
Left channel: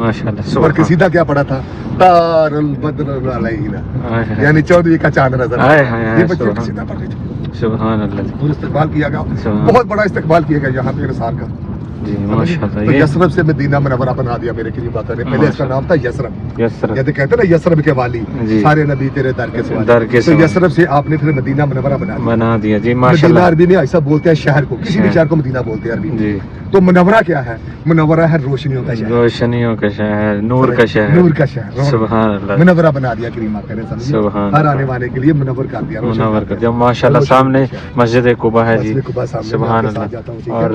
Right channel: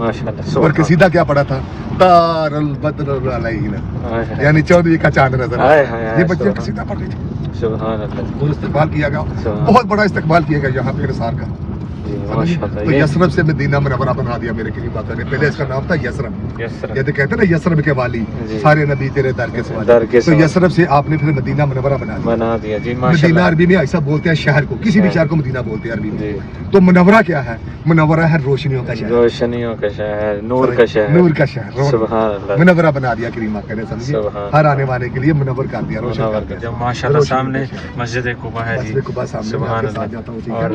اور قصیدہ کیا پڑا تھا؟ تار البدر علینا، یعنی 14 کا چاند نظر آیا۔ یہ بچے قصیدہ پڑھ رہے تھے اور استقبال کیا گیا، بہت بڑا استقبال کیا گیا یہاں پہ نثار کا، سمجھے؟ تو یثرب سے مدینہ منورہ بنا دیا میرے کریم آقا نے۔ پہلے اس کا نام تھا یثرب، یہ کہتے ہیں نا یثرب کے والی، سارے نبی تیرے در کے سوالی، تو یثرب سے آپ نے پھر مدینہ منورہ بنا دیا۔ مدینہ عربی میں ایسا بولتے ہیں شہر کو، کسی بھی شہر کو مدینہ بولتے ہیں عربی میں۔ تو منورہ کیا ہے؟ منورہ ہے روشنیوں کا شہر، نور کا شہر، منورہ بنا دیا کریم آقا نے، سمجھے؟ ہر آنے والے کے لیے منور کر دیا، روشن کر دیا۔ جو ماشاءاللہ سامنے مسجد قباء ہے جی، سبحان اللہ، اور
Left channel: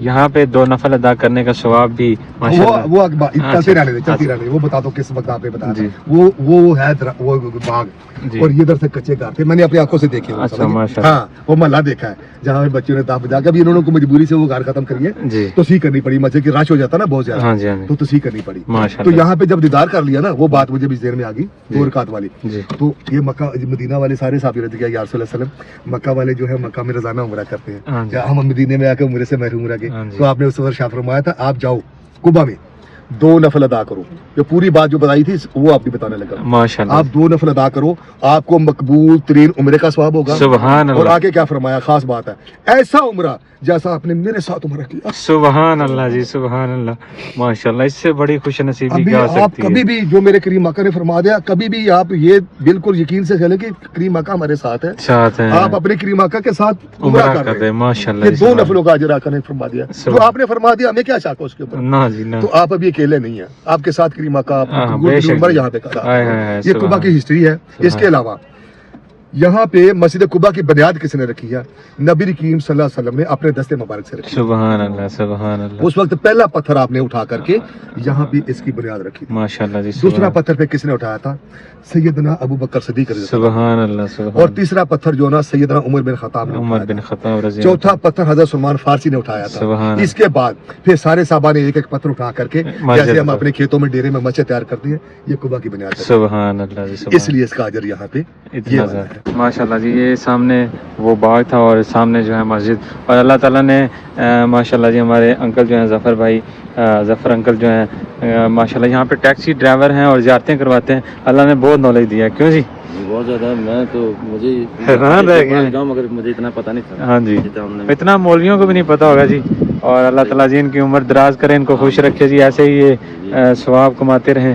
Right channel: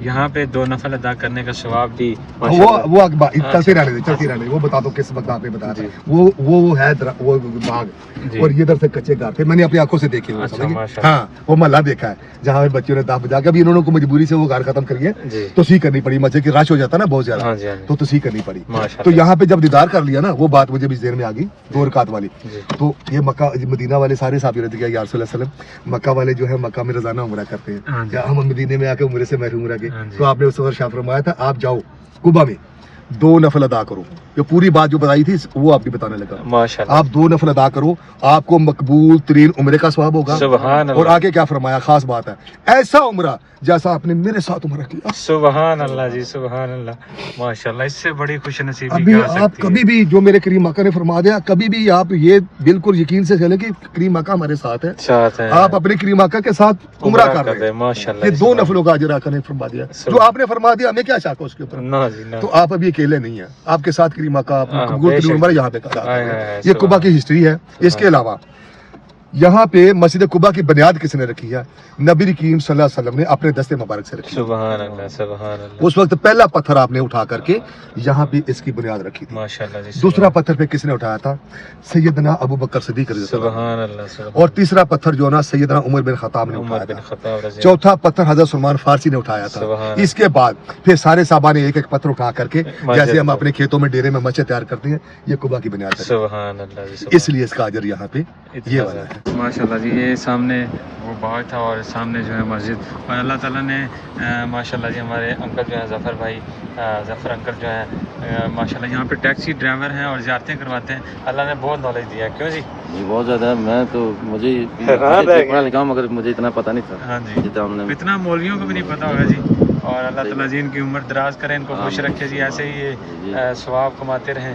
یہاں پہ 2 نفل ادا کرنے کا ثواب بھی وہ چلتے رہے، وہ بتا دو کس مقام پہ بتایا تھا، وہ ہے وہ باغ، اور یہ ادھر سے کچے گھر تھے، میں نے اپنی آنکھوں سے دیکھے، ہاں وہ محلہ دیکھا ہے جہاں پہ بچوں نے داغ بجا کے، ابھی انہوں کو مجبوری سے وہ گھر ختم کریے، توسیع کرنی پڑی، مسجد کی رش ہو جاتا نا بہت زیادہ، تو توسیع کرنی پڑی۔ تو یہاں پہ جب دیدار کر لیا نا، وہ بات مجھے بھی ذہن میں آ گئی 2 رکعت والی۔ تو یہ مکہ مدینہ والے سارے صحابی رضی اللہ یا رسول اللہ صلی اللہ علیہ وسلم، مکہ والے جو ہے مکہ میں روزانہ عمرہ کرتے ہیں، ہم مدینے میں آ کے عمرے سے محروم رہ گئے، تو آپ نے اس وقت شاہ فرمایا تھا آپ جاؤ قباء میں 2 نفل ادا کرو، جو پوری بات جو بتائی تھی وہ آپ کی بتانے لگا، آپ 2 نفل ادا کرو، آپ کو مقبول ترین عمرے کا ثواب ہوگا۔ اور آگے کیا فرمایا؟ خاص بات ہے، ایسا عمرہ جیسا آپ نے میرے ساتھ عمرہ کیا۔ سبحان اللہ جی، سبحان اللہ، ماشاءاللہ، اس سے بڑی خوش نصیبی ابھی آپ کبھی بھی جو میرے کریم آقا نے فرما دیا، کبھی بھی آپ یہ بالکل یقین سے چلے کہ کریم آقا ہمارے ساتھ ہے، آپ اپنے کریم آقا کے ساتھ عمرہ کر رہے ہیں، یہ 2 نفلوں کا اجر آقا نے فرما دیا، جو آپ نے فرما دیا ہمیں کیا شک ہے اس کے اوپر؟ تو آپ ابھی اکیلے نہیں ہیں، آپ کے ساتھ کریم آقا آپ قبول ترین عمرہ یہاں پہ کر رہے ہیں۔ یہ قباء کی ہسٹری ہے۔ اس کے علاوہ یہاں پہ مسجد قباء کی بنیاد کس نے رکھی ہے؟ نبی کریم صلی اللہ علیہ وسلم نے اپنے دستے مبارک سے رکھی۔ سبحان اللہ، سبحان اللہ۔ اس وقت پہلا پتھر آپ نے اٹھا کر کے یہاں پہ اس کی بنیاد رکھی تھی۔ ماشاءاللہ جی۔ دوسرا پتھر پہ کس نے اٹھایا تھا؟ سیدنا ابو بکر صدیق رضی اللہ عنہ۔ سبحان اللہ۔ اور تیسرا پتھر جو نا سیدنا عمر بن خطاب نے اٹھایا تھا۔ چوتھا پتھر حضرت سلمان فارسی نے اٹھایا تھا۔ اس کے بعد پھر سارے صحابہ نے ایک ایک پتھر اٹھا کر کے، جیسے ہم اپنے کھیتوں میں ڈیرے میں مسجد تیار کرتے ہیں، یہ قباء کی بنیاد ہے۔ سبحان اللہ۔ اس لیے اس کا اجر یہاں پہ یہ والا ہے۔ ماشاءاللہ جی، یہ سامنے وہ باغ تھا اور سامنے جو ہے مسجد، اور اللہ تعالیٰ نے ماشاءاللہ جی ہمارے انکل جو ہیں ظفر بھائی، ظفر انکل جو ہیں ماشاءاللہ یہاں پہ ٹیکسی ڈرائیور ہیں اور زیارتیں کرواتے ہیں، اللہ نے بہت نالج دیا ہے، کیوں جی؟ بہت زیادہ، میں تو مجھے پڑھا لکھا ہوں مگر مجھے اتنا پتہ نہیں تھا۔ ہاں جی، اتنا مولویوں کو بھی نہیں پتہ ہوگا جی، اور اللہ تعالیٰ جی ان کی عمر دراز کرے، ان کو خوش رکھے جی، ایسے ہی یہ ثواب کماتے رہیں